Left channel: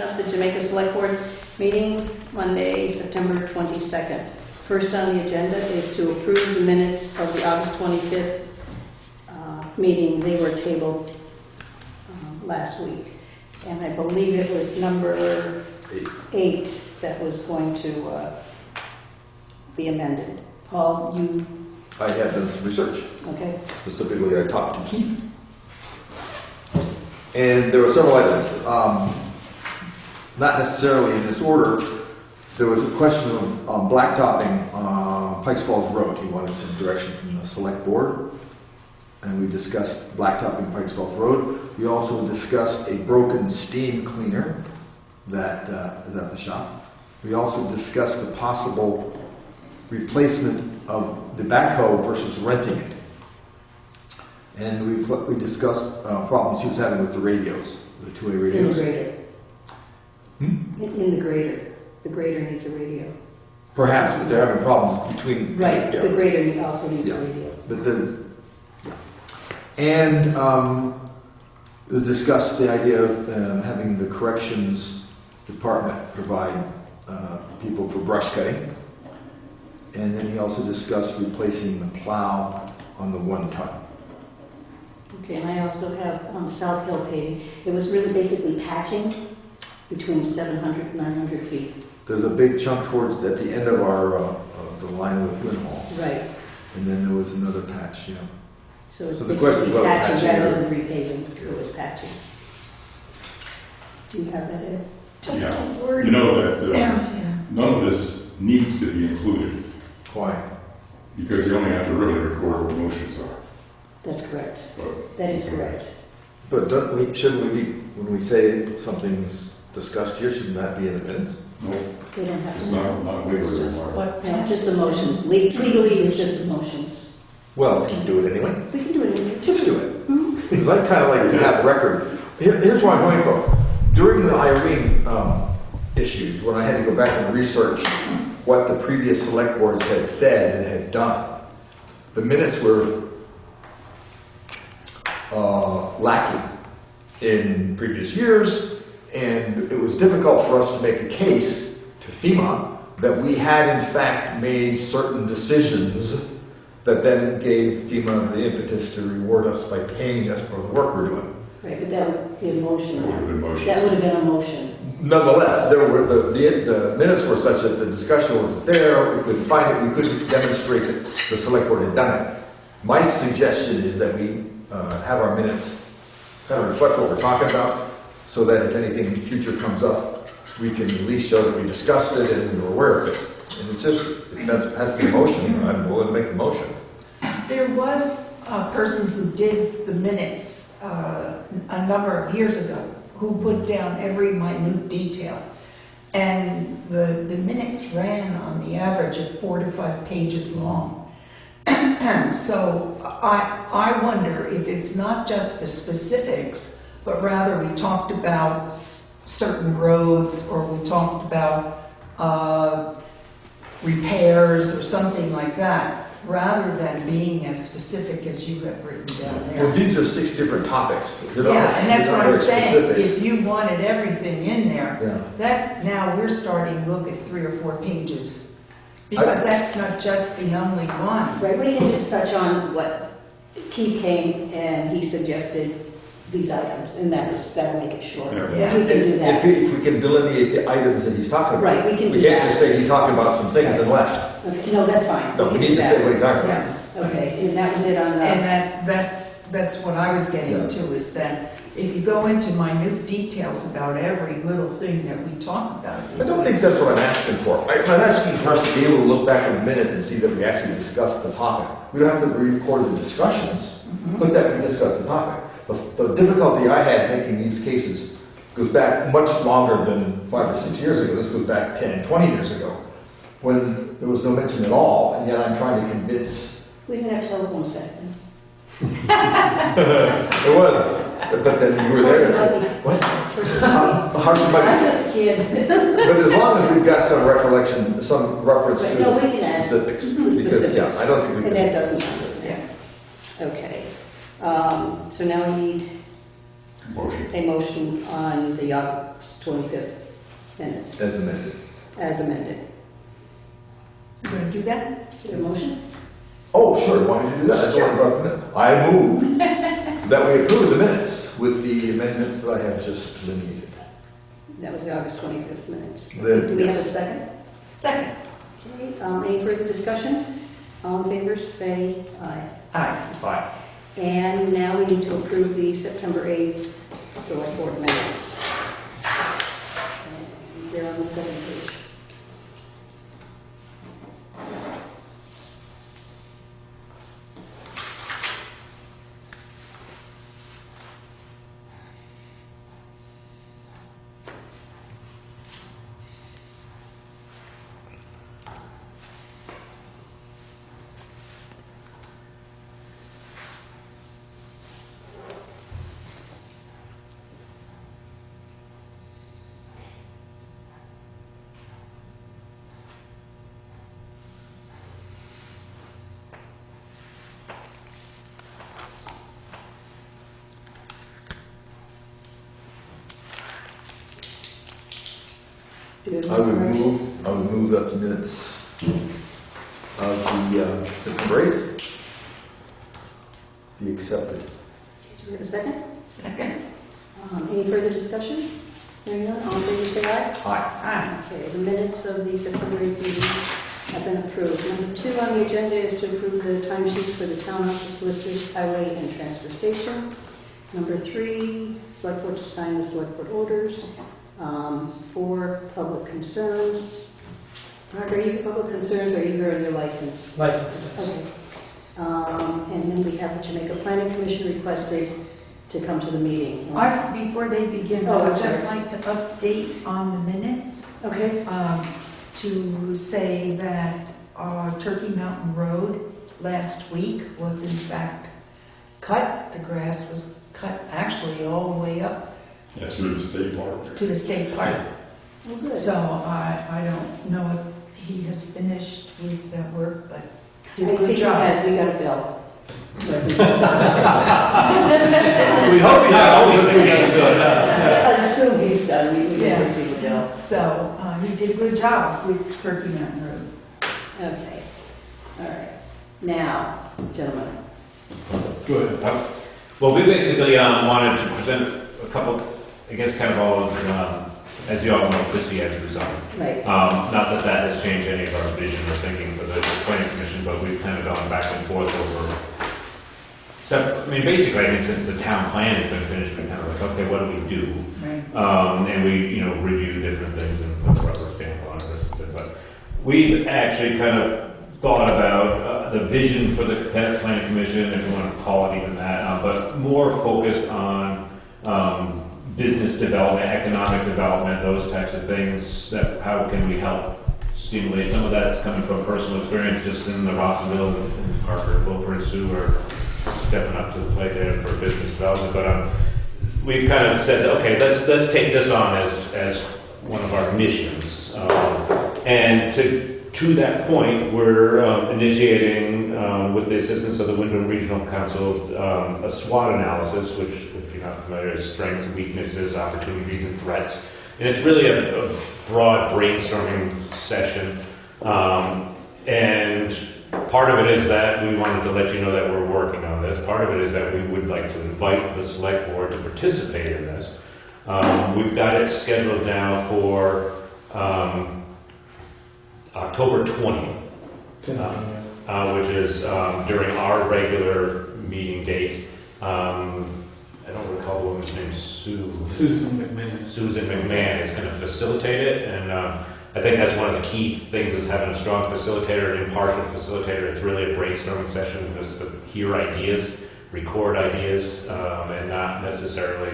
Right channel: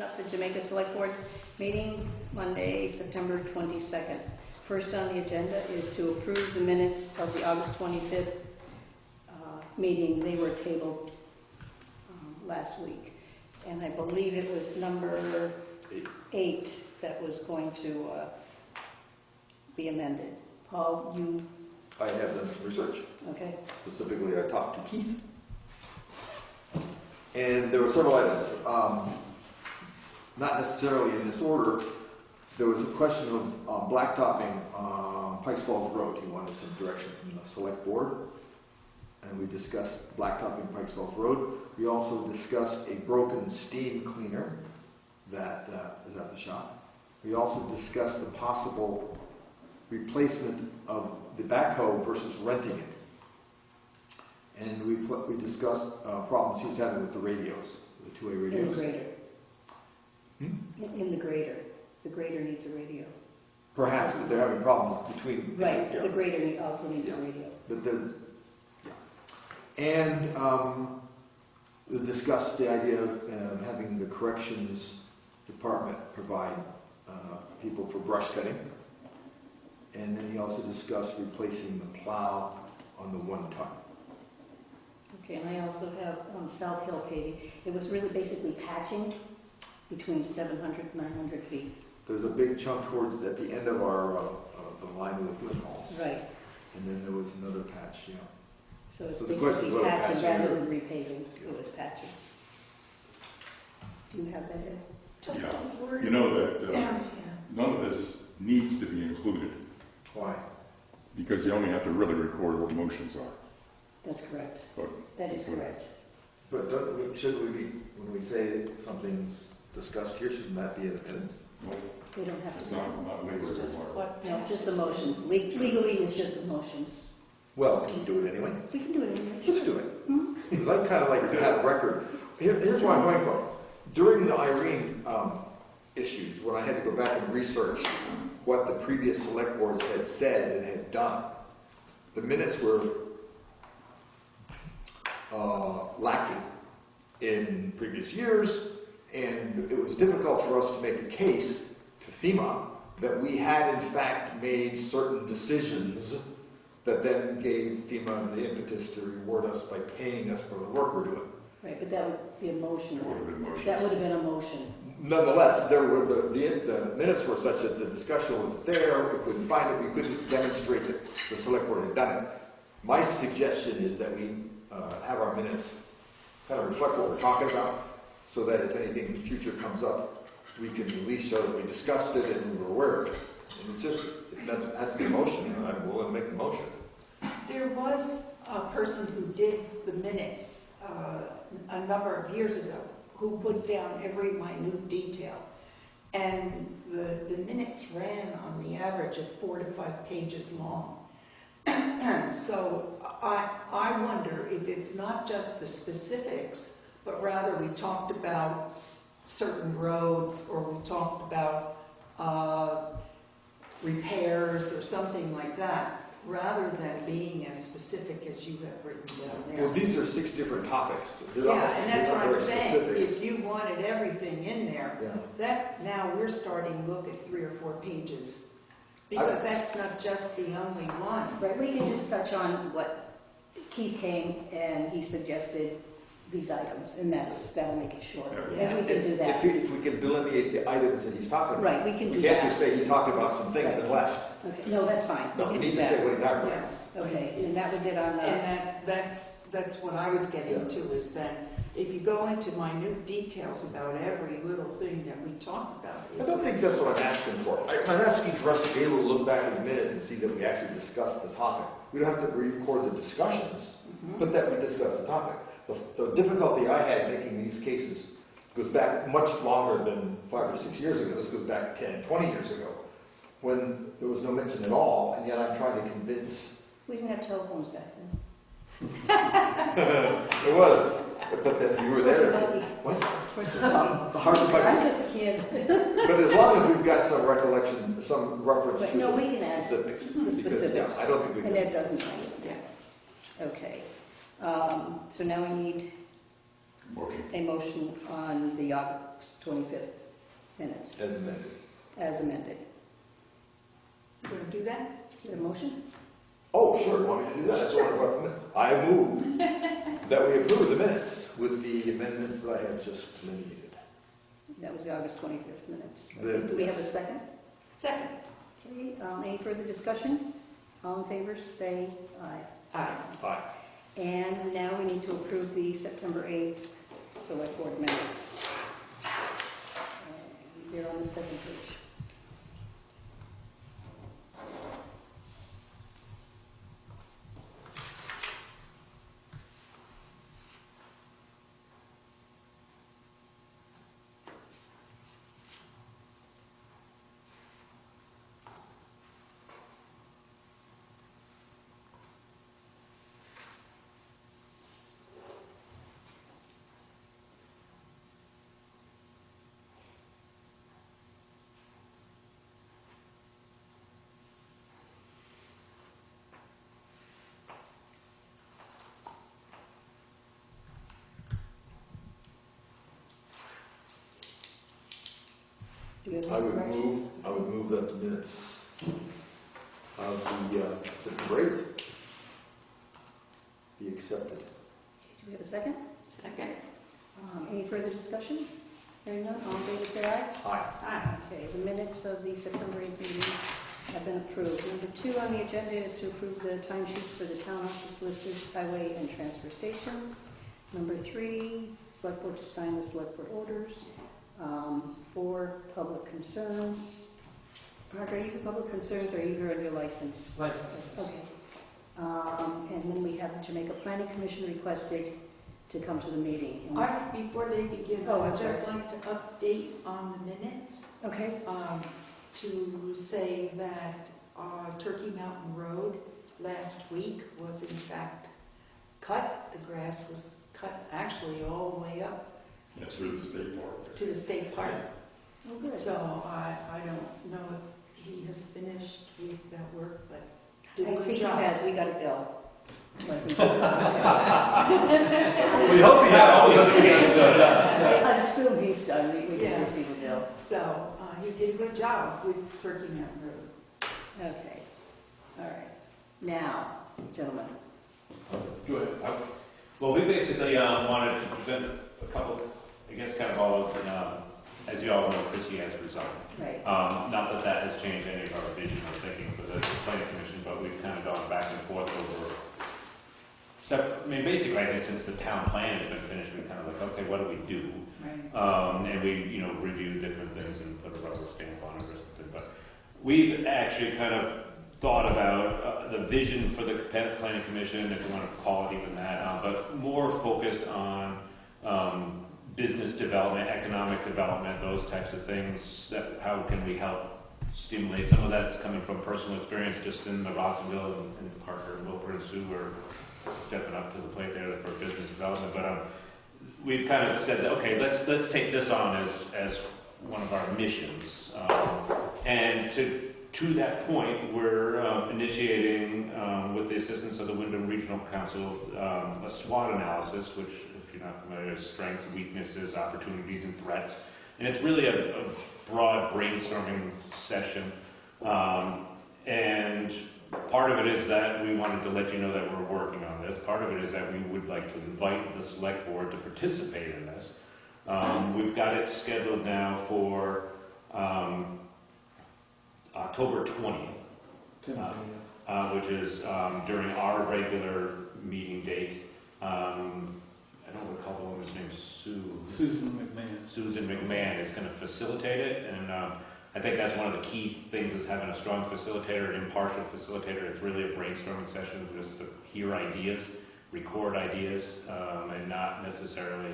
open up the Jamaica Selectboard meeting Monday, September 22nd. First on the agenda is to approve the minutes of the August 25th meeting. They were tabled last week. And I believe it was number 8 that was going to be amended. Paul, you... I have done some research. Okay. Specifically, I talked to Keith. And there were several items. Not necessarily in this order. There was a question of blacktopping Pikes Falls Road. He wanted some direction from the select board. And we discussed blacktopping Pikes Falls Road. We also discussed a broken steam cleaner that is at the shop. We also discussed the possible replacement of the backhoe versus renting it. And we discussed problems he was having with the radios, the two-way radios. In the grader. In the grader. The grader needs a radio. Perhaps, but they're having problems between... Right, the grader also needs a radio. But and we discussed the idea of having the corrections department provide people for brush cutting. And then he also discussed replacing the plow on the 1-ton. Okay, and I also have South Hill paving. It was really basically patching between 700 and 900 feet. There's a big chunk towards at the end of our the line with Lynn Hall. Right. And then there was another patch, you know. So it's So the question basically is about patching patching rather than repaving. It was patching. Do you have that, Ed? Just a word. You know that none of this needs to be included. Why? Because you only have to really record what motions are. That's correct. But That is correct. But shouldn't we be, when we say something's discussed here, shouldn't that be in the minutes? no, They don't have it's to. not legally It's just required. what Yeah, just the motions. Legally, it's just the motions. Well, can you do it anyway? We can do it anyway. Let's do it. Mhm. Because I kind of like to have record. Here's where I'm going from. During the Irene issues, when I had to go back and research what the previous select boards had said and had done, the minutes were lacking in previous years, and it was difficult for us to make a case to FEMA that we had in fact made certain decisions that then gave FEMA the impetus to reward us by paying us for the work we're doing. Right, but that would be a motion. That would have been motions. That would have been a motion. Nonetheless, there were the minutes were such that the discussion was there. We could find it. We could demonstrate that the select board had done it. My suggestion is that we have our minutes kind of reflect what we're talking about, so that if anything in the future comes up, we can at least show that we discussed it and we were aware of it. And it's just, if that has to be a motion, I'm willing to make the motion. There was a person who did the minutes a number of years ago who put down every minute detail. And the minutes ran on the average of 4 to 5 pages long. So I wonder if it's not just the specifics, but rather we talked about certain roads, or we talked about repairs or something like that, rather than being as specific as you have written down there. Well, these are 6 different topics. Yeah, and that's what I'm saying. Specifics. If you wanted everything in there, Yeah. that now we're starting to look at 3 or 4 pages. Because that's not just the only one. Right, we can just touch on what Keith came and he suggested these items, and that'll make it short. Yeah. We can do that. If we can delineate the items that he's talking about. Right, we can do We can't that. just say he talked about some things and left. Okay, no, that's fine. No, we can need do to that. say what he's talking about. Yeah, okay, and that was it on the... And that's what I was getting to, is that if you go into minute details about every little thing that we talk about. I don't think that's what I'm asking for. I'm asking for us to be able to look back in the minutes and see that we actually discussed the topic. We don't have to record the discussions, but that we discussed the topic. The difficulty I had making these cases goes back much longer than 5 or 6 years ago. This goes back 10, 20 years ago, when there was no mention at all, and yet I'm trying to convince. We didn't have telephones back then. It was, but then you were there. What? Hard to I'm just a kid. But as long as we've got some recollection, some reference Right, to no, we can add specifics. the Because, specifics. yeah, I don't think we And can. that doesn't sound good. Yeah. Okay. So now we need Motion. a motion on the August 25th minutes As amended. as amended. You gonna do that? Is there a motion? Oh, sure, why don't you do that? I just want to bring them in. I move that we approve the minutes with the amendments that I have just delineated. That was the August 25th minutes. The- Do we have a yes. second? Second. Okay, any further discussion? All in favor, say aye. Aye. Aye. And now we need to approve the September 8th select board minutes. And they're on the second page. Do you have I any would corrections? move that the minutes of the September 8th be accepted. Do we have a second? Second. Any further discussion? Hearing none, all in favor, say aye. Aye. Aye. Okay, the minutes of the September 8th meeting have been approved. Number 2 on the agenda is to approve the timesheets for the town office, listers, highway, and transfer station. Number 3, select board to sign the select board orders. 4, public concerns. Mark, are you public concerns or are you here on your license? Licenses. Okay. And then we have the Jamaica Planning Commission requested to come to the meeting. Before they begin, I Oh, would I'm just sorry. like to update on the minutes, Okay. to say that Turkey Mountain Road last week was in fact cut. The grass was cut actually all the way up Yeah, through the state park. to the state park. Oh, good. So I don't know if he has finished with that work, but did a I good think job. as we got a bill. We hope you have always been good. I assume he's done, we didn't Yeah. receive a bill. So he did a good job with Turkey Mountain Road. Okay, all right. Now, gentlemen, Good. Well, we basically wanted to present a couple, I guess, kind of all of them, as you all know, Chrissy has resigned. right, Not that that has changed any of our vision or thinking for the planning commission, but we've kind of gone back and forth over. So, I mean, basically, I think since the town plan has been finished, we're kind of like, okay, what do we do? Right. And we, review different things and put the rubber stamp on it or something. But we actually kind of thought about the vision for the planning commission, if you want to call it even that, but more focused on business development, economic development, those types of things. That how can we help stimulate? Some of that is coming from personal experience, just in the Rossville and Parker, Wilbur and Sue are stepping up to the plate there for business development. But we've kind of said, okay, let's take this on as one of our missions. And to that point, we're initiating, with the assistance of the Wyndham Regional Council, a SWOT analysis, which, if you're not familiar, is strengths, weaknesses, opportunities, and threats. And it's really a broad brainstorming session. And part of it is that we wanted to let you know that we're working on this. Part of it is that we would like to invite the select board to participate in this. We've got it scheduled now for October 20th, which is during our regular meeting date. I don't recall the woman's name, Susan McMahon is going to facilitate it, and I think that's one of the key things is having a strong facilitator, an impartial facilitator. It's really a brainstorming session because to hear ideas, record ideas, and not necessarily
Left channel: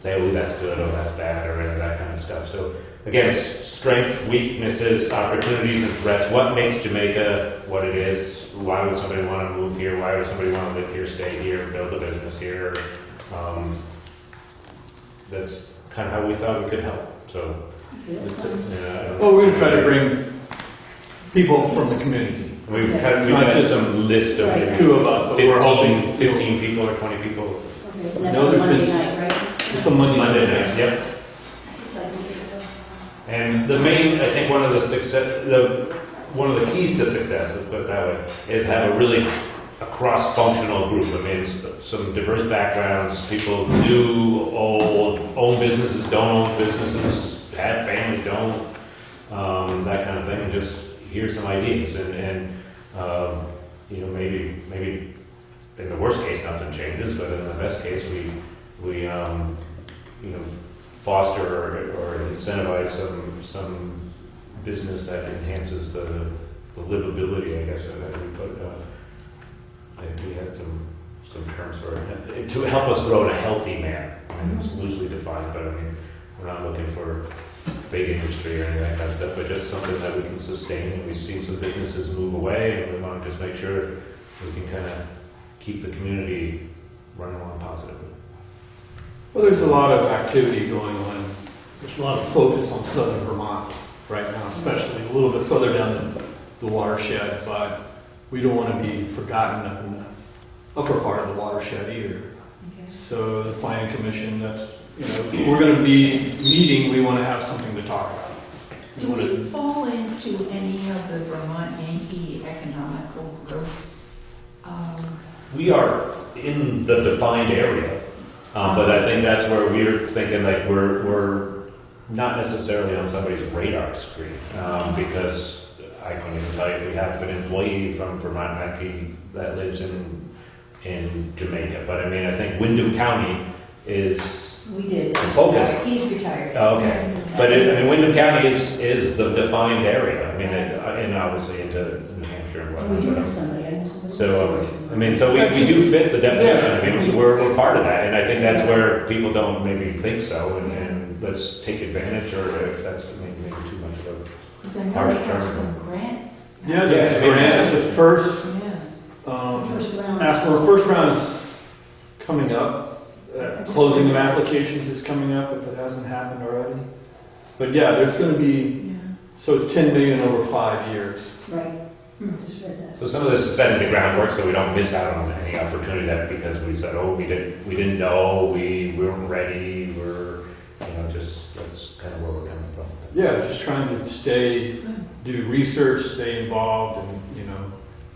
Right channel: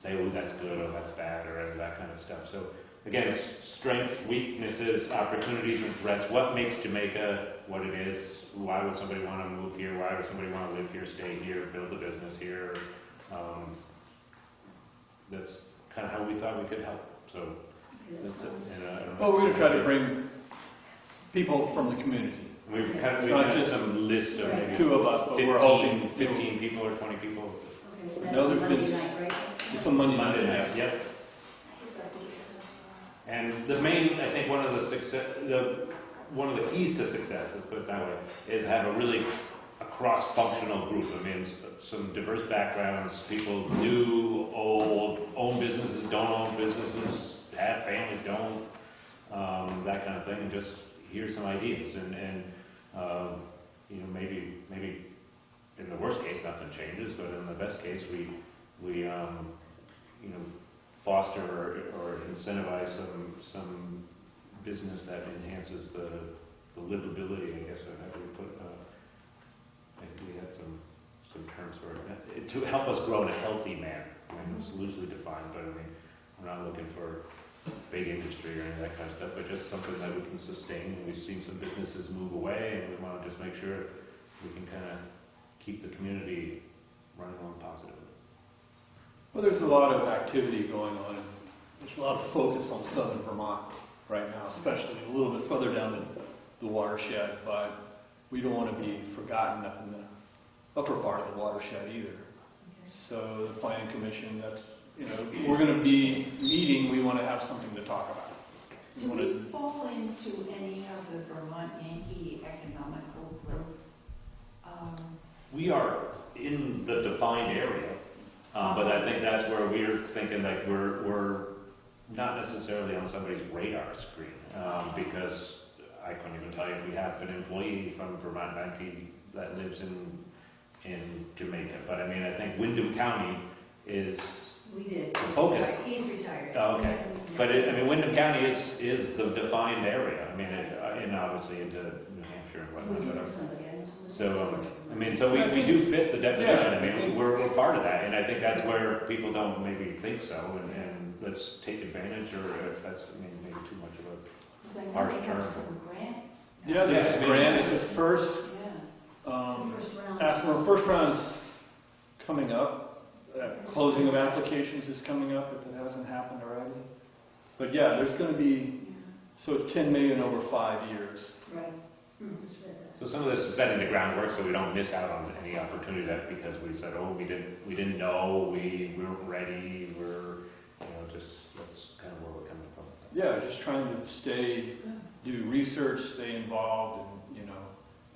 say, oh, that's good, or that's bad, or any of that kind of stuff. So again, strengths, weaknesses, opportunities, and threats. What makes Jamaica what it is? Why would somebody want to move here? Why would somebody want to live here, stay here, build a business here? That's kind of how we thought we could help. So, Oh, yeah, that sounds, I don't know. Well, we're gonna try to bring people from the community. We've Not got just some list of Right. maybe Two of us, but we're hoping 15 people or 20 people. okay, and that's No, on Monday there's night, right? It's a Monday night. Yep. And the main, I think one of the keys to success, let's put it that way, is have a cross-functional group. I mean, some diverse backgrounds, people do own businesses, don't own businesses, have families, don't, that kind of thing, and just hear some ideas. And you know, maybe in the worst case, nothing changes, but in the best case, we you know, foster or incentivize some business that enhances the livability, I guess, that we put. We had some terms for it to help us grow in a healthy manner. I mean, it's loosely defined, but I mean, we're not looking for big industry or any of that kind of stuff, but just something that we can sustain. And we've seen some businesses move away, and we want to just make sure we can kind of keep the community running along positively. Well, there's a lot of activity going on. There's a lot of focus on southern Vermont right now, especially a little bit further down the watershed, but we don't want to be forgotten up in the upper part of the watershed either. Okay. So the planning commission, that's, you know, we're going to be meeting, we want to have something to talk about. Do we fall into any of the Vermont Yankee economical growth? We are in the defined area, but I think that's where we're thinking like we're not necessarily on somebody's radar screen, because I couldn't even tell you if we have an employee from Vermont Yankee that lives in Jamaica. But I mean, I think Windham County is We did. the focus. He's retired. Oh, okay. But I mean, Windham County is the defined area. I mean, and obviously into New Hampshire and We do whatnot. have somebody, I know somebody. So, I mean, so we do fit the definition. I mean, we're part of that, and I think that's where people don't maybe think so, and let's take advantage, or if that's maybe too much of a. Because I know we have some grants. Yeah, there's grants. The first, Yeah. First round. after the first round is coming up. Closing of applications is coming up if it hasn't happened already. But yeah, there's going to be, Yeah. so 10 million over 5 years. Right. Just read that. So some of this is setting the groundwork so we don't miss out on any opportunity that because we said, oh, we didn't know, we weren't ready, just that's kind of where we're coming from. Yeah, just trying to do research, stay involved, and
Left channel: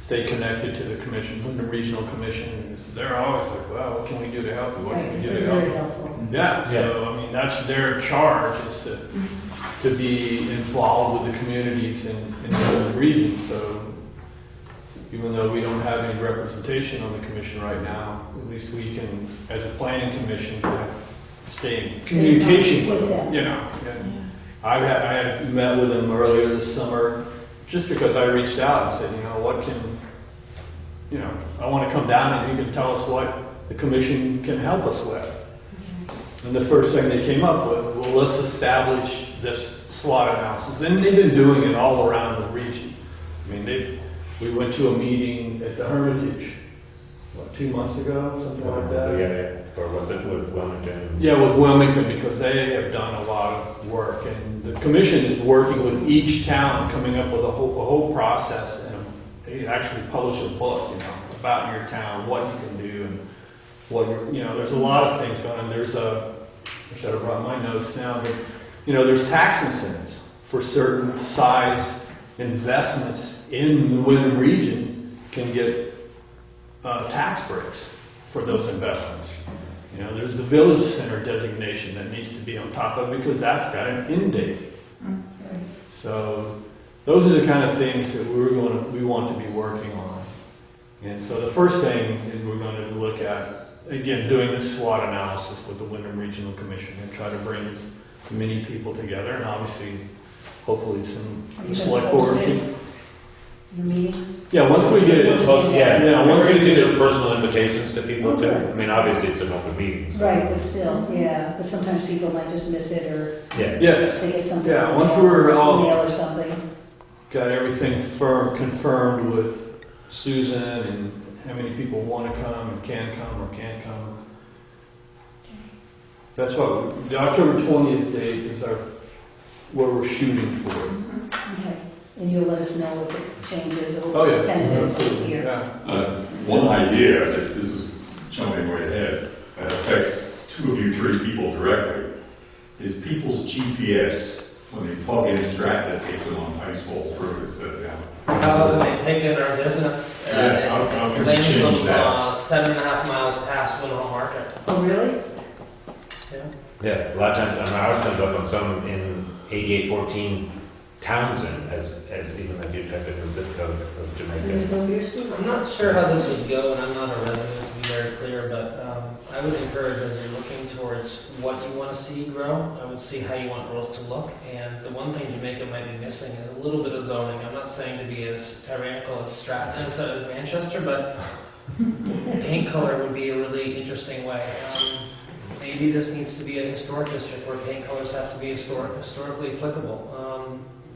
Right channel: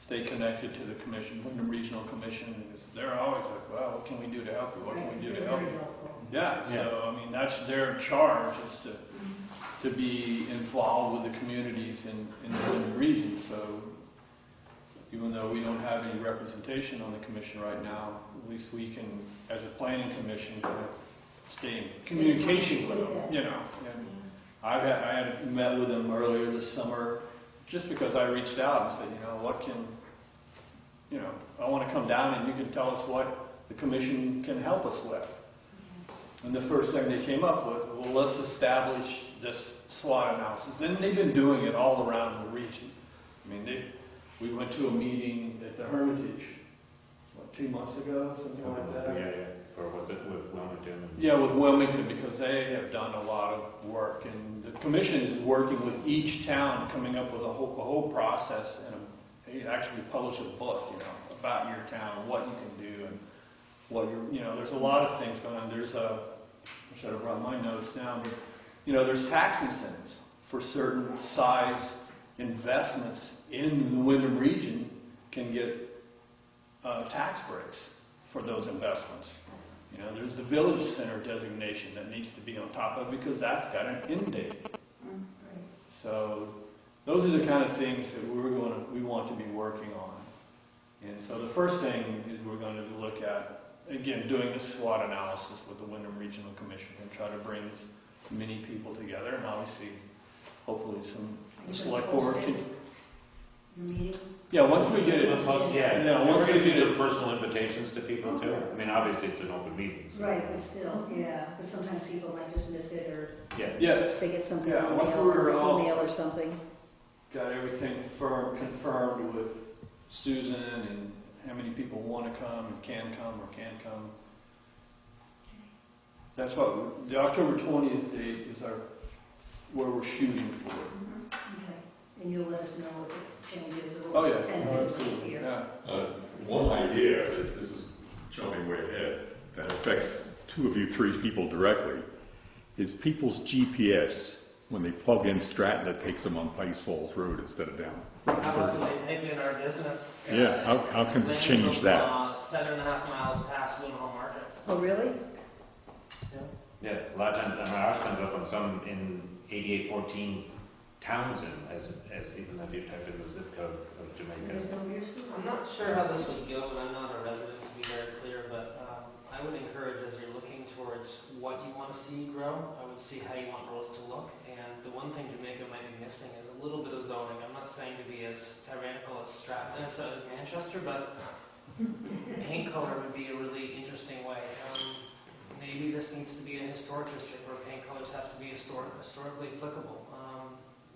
stay connected to the commission, the regional commission. They're always like, well, what can we do to help you? What can we do to help Very you? helpful. Yeah, so I mean, that's their charge, is to be involved with the communities in the region. So even though we don't have any representation on the commission right now, at least we can, as a planning commission, stay in communication with them, And I had met with them earlier this summer, just because I reached out and said, what can, I want to come down and you can tell us what the commission can help us with. And the first thing they came up with, well, let's establish this SWOT analysis. And they've been doing it all around the region. I mean, we went to a meeting at the Hermitage, 2 months ago, something like that. So, or with Wilmington. Yeah, with Wilmington, because they have done a lot of work, and the commission is working with each town, coming up with a whole process, and they actually publish a book, about your town, what you can do, and what there's a lot of things going on. I should have brought my notes now, but there's tax incentives for certain size investments in the Windham region can get tax breaks for those investments. There's the village center designation that needs to be on top of it because that's got an end date. So those are the kind of things that we want to be working on. And so the first thing is we're going to look at, again, doing this SWOT analysis with the Windham Regional Commission and try to bring as many people together, and obviously, hopefully, the select board. The meeting? Yeah, once we get it. Once once we're going to we do get some it. personal invitations to people too. Okay. I mean, obviously it's an open meeting. So. Right, but still, yeah, but sometimes people might just miss it or Yes. they get something. Yeah, once we're all email or something. got everything confirmed with Susan and how many people want to come and can come or can't come. That's what the October 20th date is where we're shooting for. Okay, and you'll let us know if it changes. Oh, yeah. Tentative here. Yeah. One idea, that this is jumping right ahead, that affects two of you three people directly, is people's GPS, when they plug in Stratton, takes them on Pikes Falls Road instead of down. How they take in our business. Yeah, how can we lands change them, that? 7.5 miles past Winhall Market. Oh, really? Yeah, a lot of times, ours comes up on some in 8814 Townsend, as even if you type in the zip code of Jamaica. I'm not sure how this would go, and I'm not a resident to be very clear, but I would encourage as you're looking towards what you want to see grow, I would see how you want roads to look. And the one thing Jamaica might be missing is a little bit of zoning. I'm not saying to be as tyrannical as Stratton and so as Manchester, but paint color would be a really interesting way. Maybe this needs to be a historic district where paint colors have to be historically applicable.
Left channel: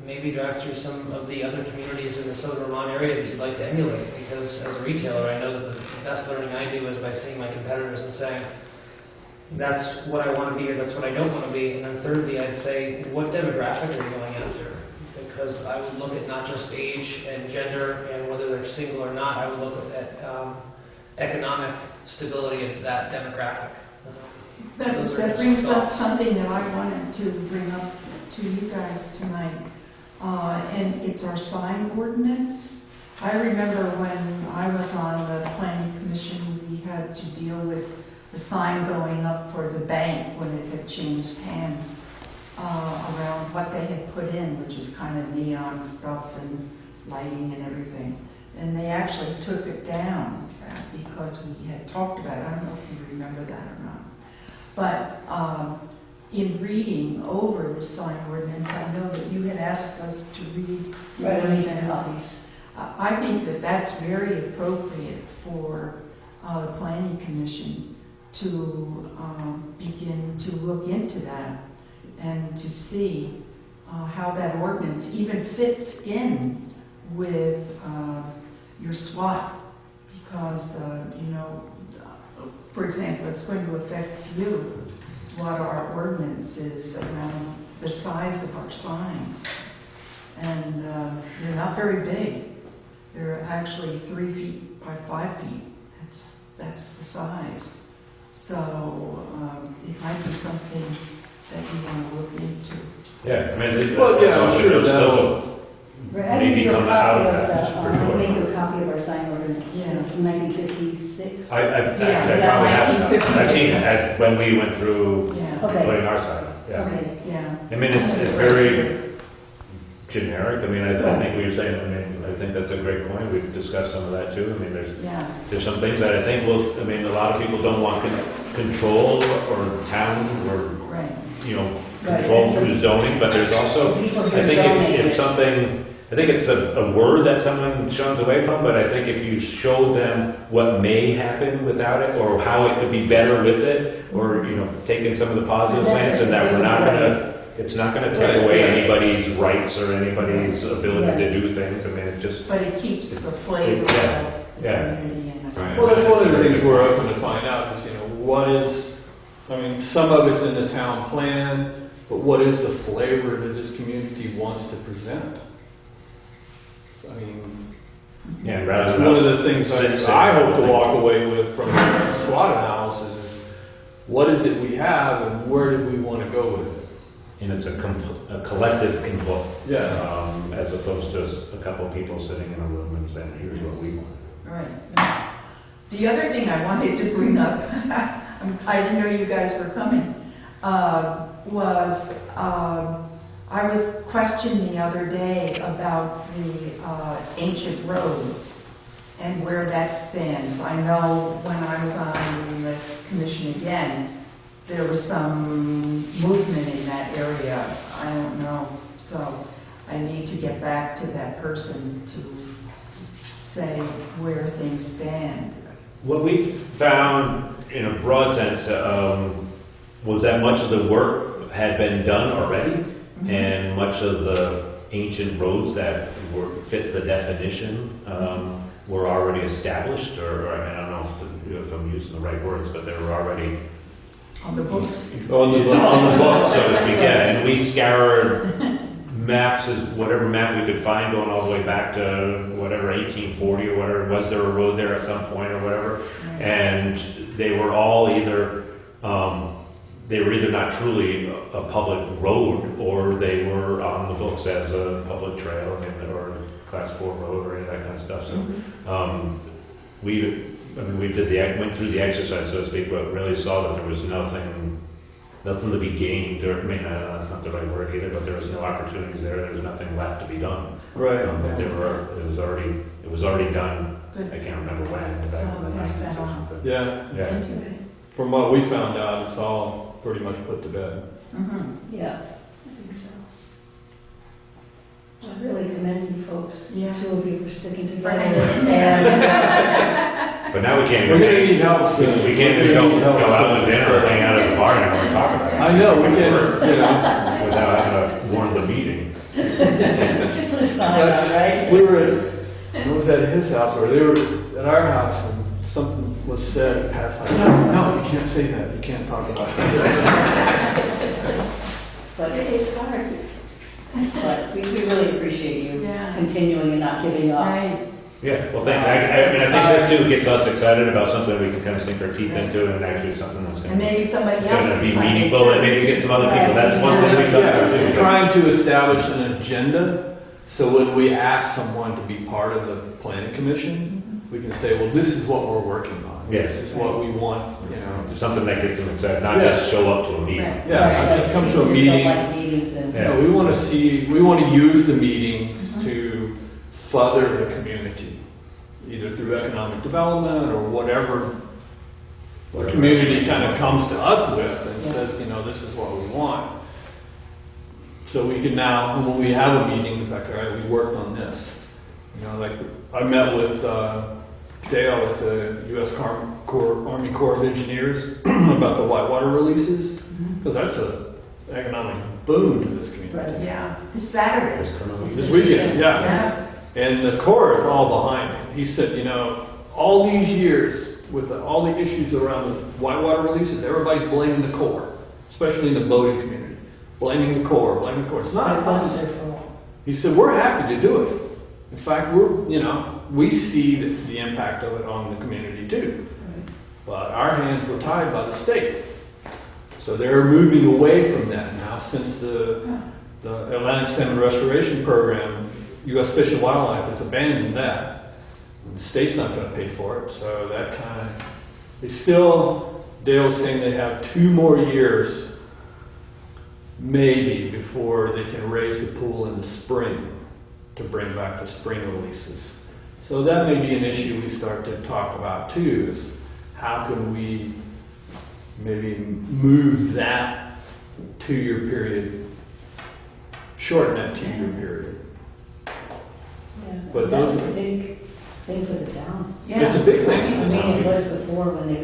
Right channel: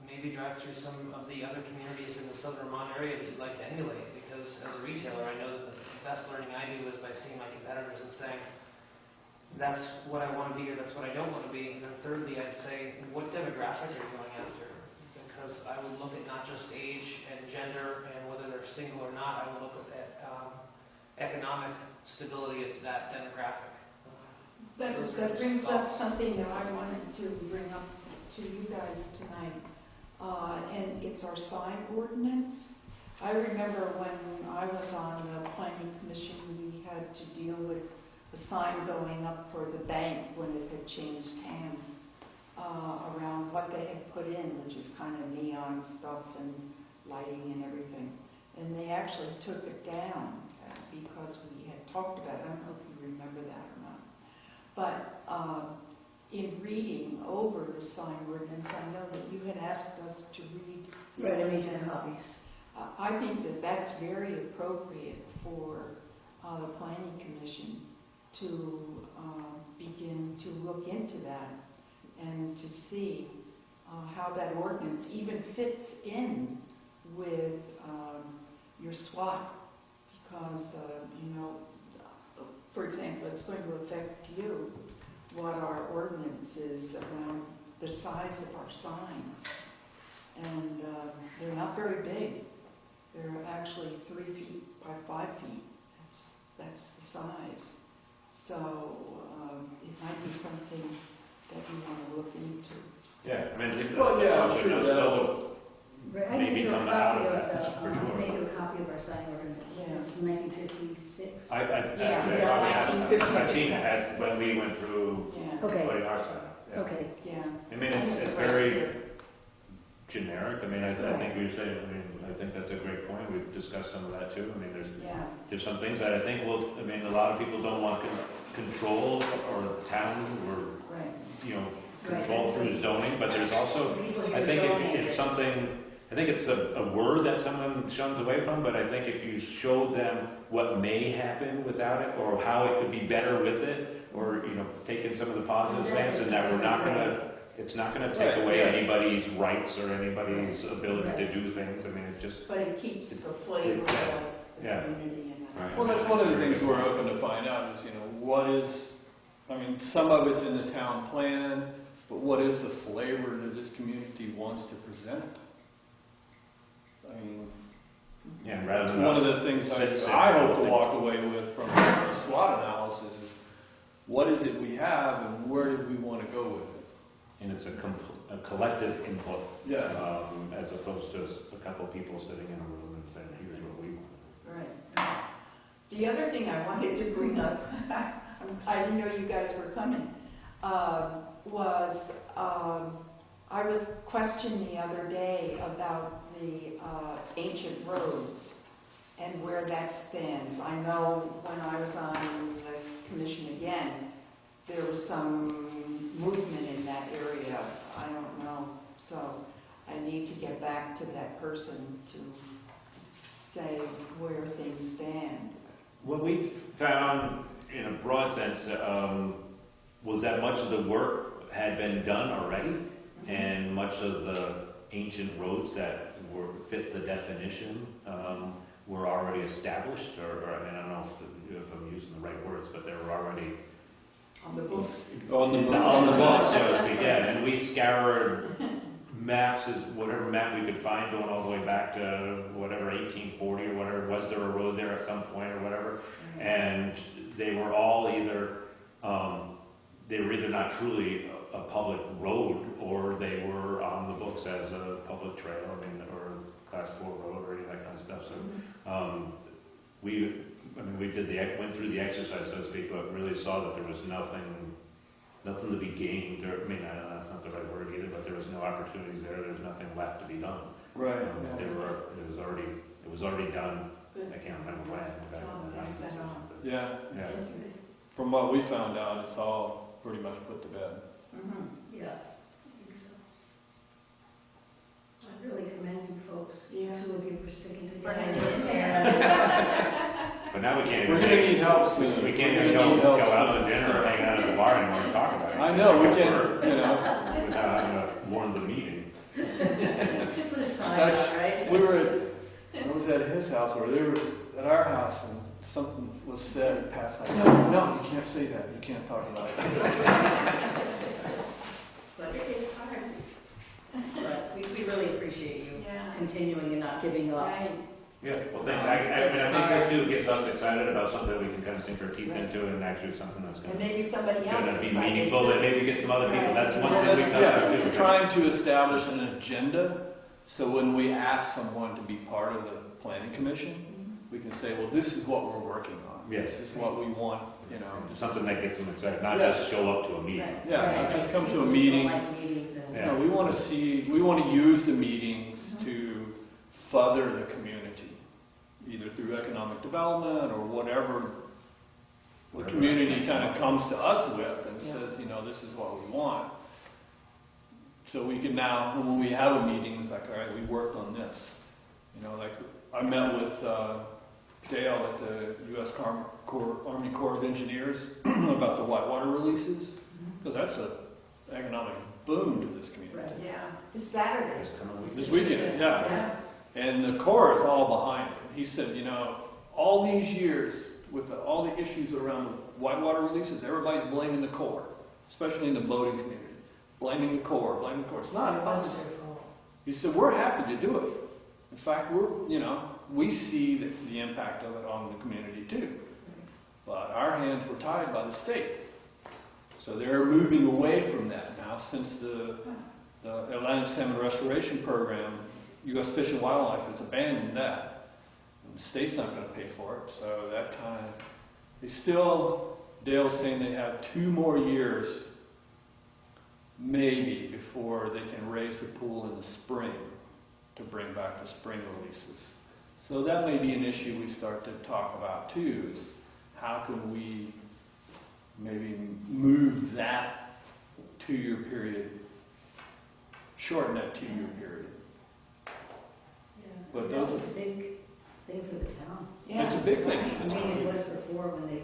Maybe drive through some of the other communities in the Southern Vermont area that you'd like to emulate, because as a retailer, I know that the best learning I do is by seeing my competitors and saying, that's what I want to be or that's what I don't want to be. And then thirdly, I'd say, what demographic are you going after? Because I would look at not just age and gender and whether they're single or not, I would look at economic stability of that demographic. That brings up something that I wanted to bring up to you guys tonight. And it's our sign ordinance. I remember when I was on the planning commission, we had to deal with a sign going up for the bank when it had changed hands around what they had put in, which is kind of neon stuff and lighting and everything. And they actually took it down because we had talked about it. I don't know if you remember that or not. But in reading over the sign ordinance, I know that you had asked us to read the ordinance. I think that that's very appropriate for the planning commission to begin to look into that and to see how that ordinance even fits in with your SWAT, because you know, for example, it's going to affect you what our ordinance is around the size of our signs. And they're not very big. They're actually 3 feet by 5 feet. That's the size. So it might be something that you want to look into. Yeah, I mean, Well, yeah, I'm sure those Right, I maybe gave you a come copy out of of that, the, for I sure. made you a copy of our sign ordinance. Yeah. It's from 1956. I Yeah, probably that's have, 1956. I've seen it as when we went through Yeah. Okay. putting our sign up, yeah. Okay. Yeah. I mean, it's very generic. I mean, I think what you're saying, I mean, I think that's a great point. We've discussed some of that too. I mean, Yeah. there's some things that I think will, I mean, a lot of people don't want control or town or, Right. you know, Right, control that's through zoning, but there's also, People I who think zoning if this. something, I think it's a word that someone shuns away from, but I think if you show them what may happen without it, or how it could be better with it, or, you know, taking some of the positive Present things, it and that we're not different gonna, it's not gonna take Right, away right. anybody's rights or anybody's ability Right. to do things. I mean, it's just, But it keeps the flavor Yeah. of the Yeah. community in it. Right. Well, that's one of the things we're hoping to find out is, you know, what is, I mean, some of it's in the town plan, but what is the flavor that this community wants to present? I mean, yeah, rather that's than one of us. the things sit- I hope to walk away with from the SWOT analysis is, what is it we have and where do we want to go with it? And it's a collective input, Yeah. as opposed to a couple of people sitting in a room and saying, here's what we want. Right. The other thing I wanted to bring up, I didn't know you guys were coming, was I was questioned the other day about the ancient roads and where that stands. I know when I was on the commission again, there was some movement in that area. I don't know. So I need to get back to that person to say where things stand. What we found, in a broad sense, was that much of the work had been done already, and much of the ancient roads that fit the definition were already established, or I mean, I don't know if I'm using the right words, but they were already On the books. on the book, so to speak. Yeah, and we scoured maps, as whatever map we could find, going all the way back to whatever 1840 or whatever. Was there a road there at some point or whatever? And they were all either they were either not truly a public road, or they were on the books as a public trail, or a class 4 road, or any of that kind of stuff. So, went through the exercise, so to speak, but really saw that there was nothing to be gained, or, I mean, that's not the right word either, but there was no opportunities there, there was nothing left to be done. Right. But it was already done, Good. I can't remember when. back So in the pass 90s that or on. something. Yeah, Yeah. Thank you. from what we found out, it's all pretty much put to bed. Yeah, I think so. I really commend you folks, Yeah. 2 of you for sticking together. Right. And But now we can't We're even, gonna need help soon. we can't even go out to dinner or hang out at the bar anymore and talk about it. I know, we can, Without having to warn the meeting. it's not right. we were at, I was at his house, or they were at our house, and something was said, Pat's like, no, you can't say that, you can't talk about it. But it's hard. But we really appreciate you Yeah. continuing and not giving up. Right. Yeah, well, thank you. I think this too gets us excited about something we can kind of sink our teeth into, and actually something that's And going to maybe somebody else be is like it meaningful, and too. maybe get some other people. That's one thing we've Yeah, done. we're trying to establish an agenda, so when we ask someone to be part of the planning commission, we can say, well, this is what we're working on. Yes. This is what we want, you know. Something that gets them excited, not Yeah. just show up to a meeting. Right. Yeah, Right, not just come to a we meeting. Just don't like meetings and. Yeah. No, we want to use the meetings to further the community, either through economic development or whatever the community kind of comes to us with and says, you know, this is what we want. So we can now, when we have a meeting, it's like, all right, we worked on this. You know, like, I met with Dale at the U.S. Army Corps of Engineers about the whitewater releases, because that's an economic boon to this community. Right. Yeah, this Saturday. This weekend, yeah. Yeah. And the Corps is all behind it. He said, you know, all these years with all the issues around the whitewater releases, everybody's blaming the Corps, especially in the boating community. Blaming the Corps, blaming the Corps. It's not It wasn't us. their fault. He said, we're happy to do it. In fact, we see the impact of it on the community too. Right. But our hands were tied by the state. So they're moving away from that now since the Atlantic Salmon Restoration Program, U.S. Fish and Wildlife has abandoned that. And the state's not going to pay for it, so that kind of, Dale was saying they have 2 more years maybe before they can raise the pool in the spring to bring back the spring releases. So that may be an issue we start to talk about too, is how can we maybe move that 2-year period, shorten that 2-year period. Yeah. But That was those- a big thing for the town. Yeah. It's a big thing. I mean, it was before when they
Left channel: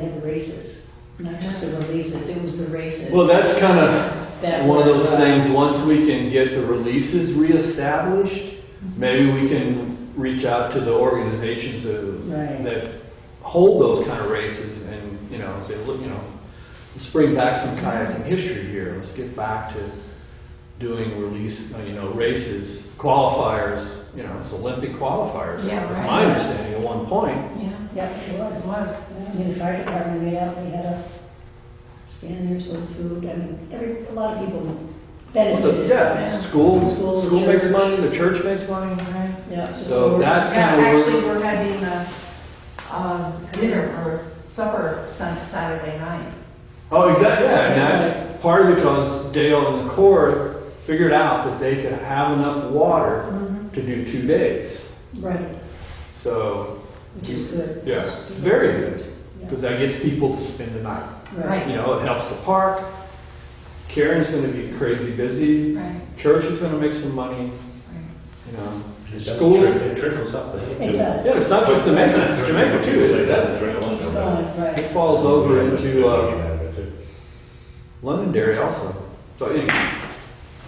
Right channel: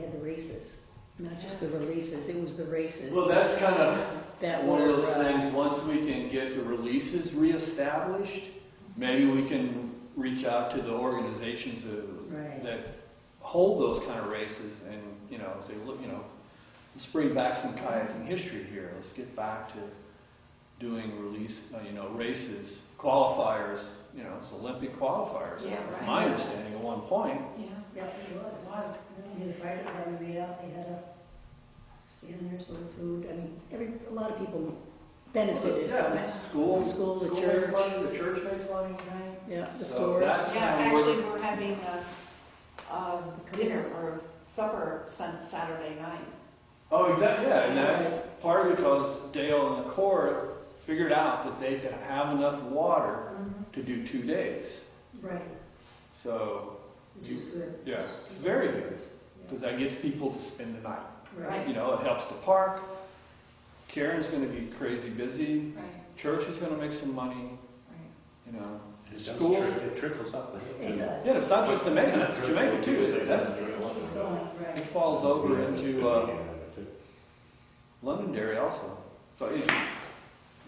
had the races, not just the releases, it was the races. Well, that's kind of That one of were, those things, once we can get the releases reestablished, maybe we can reach out to the organizations Right. that hold those kind of races and, say, look, let's bring back some kayaking history here. Let's get back to doing races, qualifiers, it's Olympic qualifiers. Yeah, That's right. my understanding at one point. Yeah, Yeah, it it was. was. Yeah, I mean, the fire department made out, they had a stand there, sold food, I mean, a lot of people benefited from Yeah, it. school School, makes church. money, the church makes money. Right. Yeah. So that's Yeah, kind of actually, we're having a dinner or a supper Saturday night. Oh, exactly, yeah, and that's partly because Dale and the Corps figured out that they could have enough water to do 2 days. Right, So, which is good. yeah, it's very good, Yeah. because that gets people to spend the night. Right. It helps the park. Karen's gonna be crazy busy. Right, Church is gonna make some money, right. School. It trickles up. It does. Yeah, it's not just Jamaica, Jamaica too, It doesn't it trickle up. Keeps going, It right. falls over into Londonderry also. So anyway.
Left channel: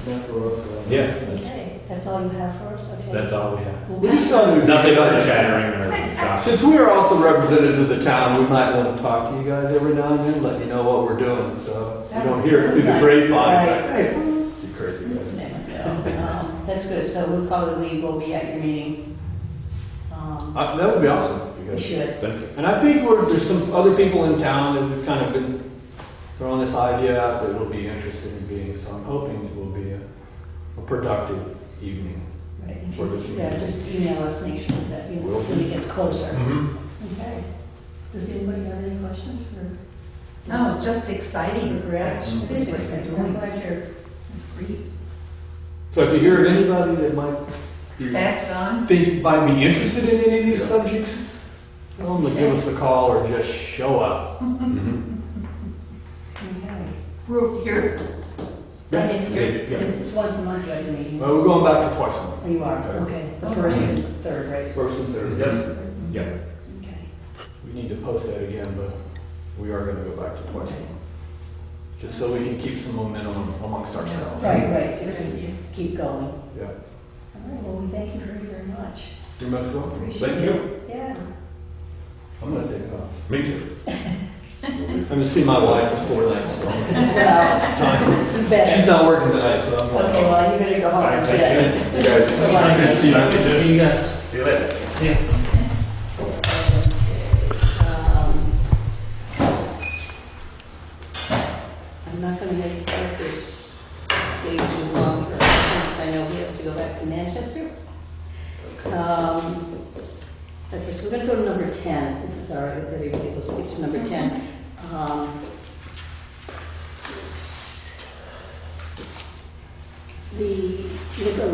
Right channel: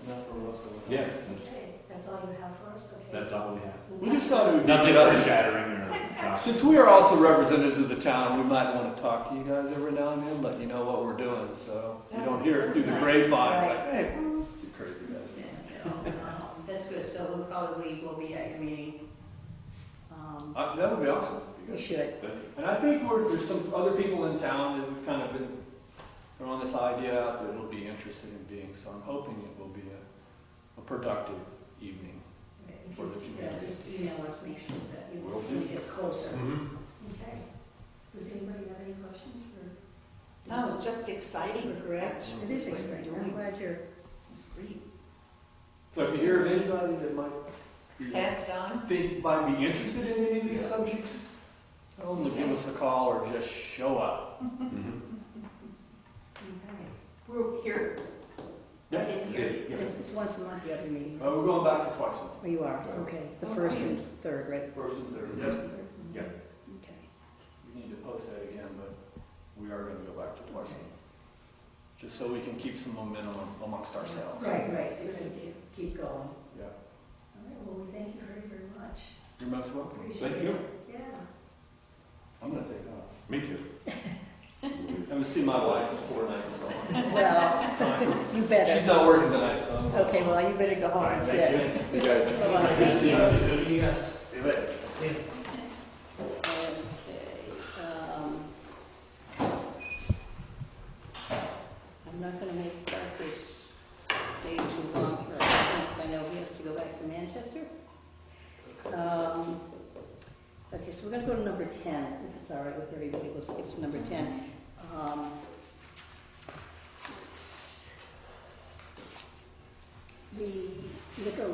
That's what else. Yeah, Okay, that's all you have for us, okay? that's all we have. Well, We just thought it would be Nothing better. earth shattering or shocking. Since we are also representatives of the town, we might want to talk to you guys every now and then, let you know what we're doing, so you don't hear it through the That's nice. grapevine. Right. Like, hey, you crazy guys. No, that's good, so we'll probably will be at your meeting. That would be awesome. We should. Thank you. And I think there's some other people in town that have kind of been throwing this idea out that will be interested in being, so I'm hoping it will be a productive evening. Right, if For the you, community. just email us, make sure that, you know, Will when it gets closer. Mm-hmm. Okay. Does anybody have any questions for? No, it's just exciting. Correct. Mhm. It is exciting. I'm glad you're. It's great. So if you hear of anybody that might Pass it on. think might be interested in any of these Yeah. subjects, tell them to give us a call or just show up. Mhm. Okay. We're here. Right in here. Yeah. It's once a month, right, the meeting? Well, we're going back to twice a month. Oh, you are, okay. The Oh, first right. and third, right? First and third, yes. Yeah. Okay. We need to post that again, but we are gonna go back to twice a month. Just so we can keep some momentum amongst ourselves. Right, Good idea. keep going. Yeah. All right, well, we thank you very, very much. You're most welcome. Appreciate Thank it. you. Yeah. I'm gonna take off. Me too. I'm gonna see my wife before that, so. Well, Time. you better. She's not working tonight, so I'm going. Okay, well, you better go home and sit. You guys, Bye-bye. Good to see you. Good to see you guys. See you later. See ya. I'm not gonna make Parker's day too long for because I know he has to go back to Manchester. Okay, so we're gonna go to number 10, if it's all right with everybody, we'll skip to number 10. It's the liquor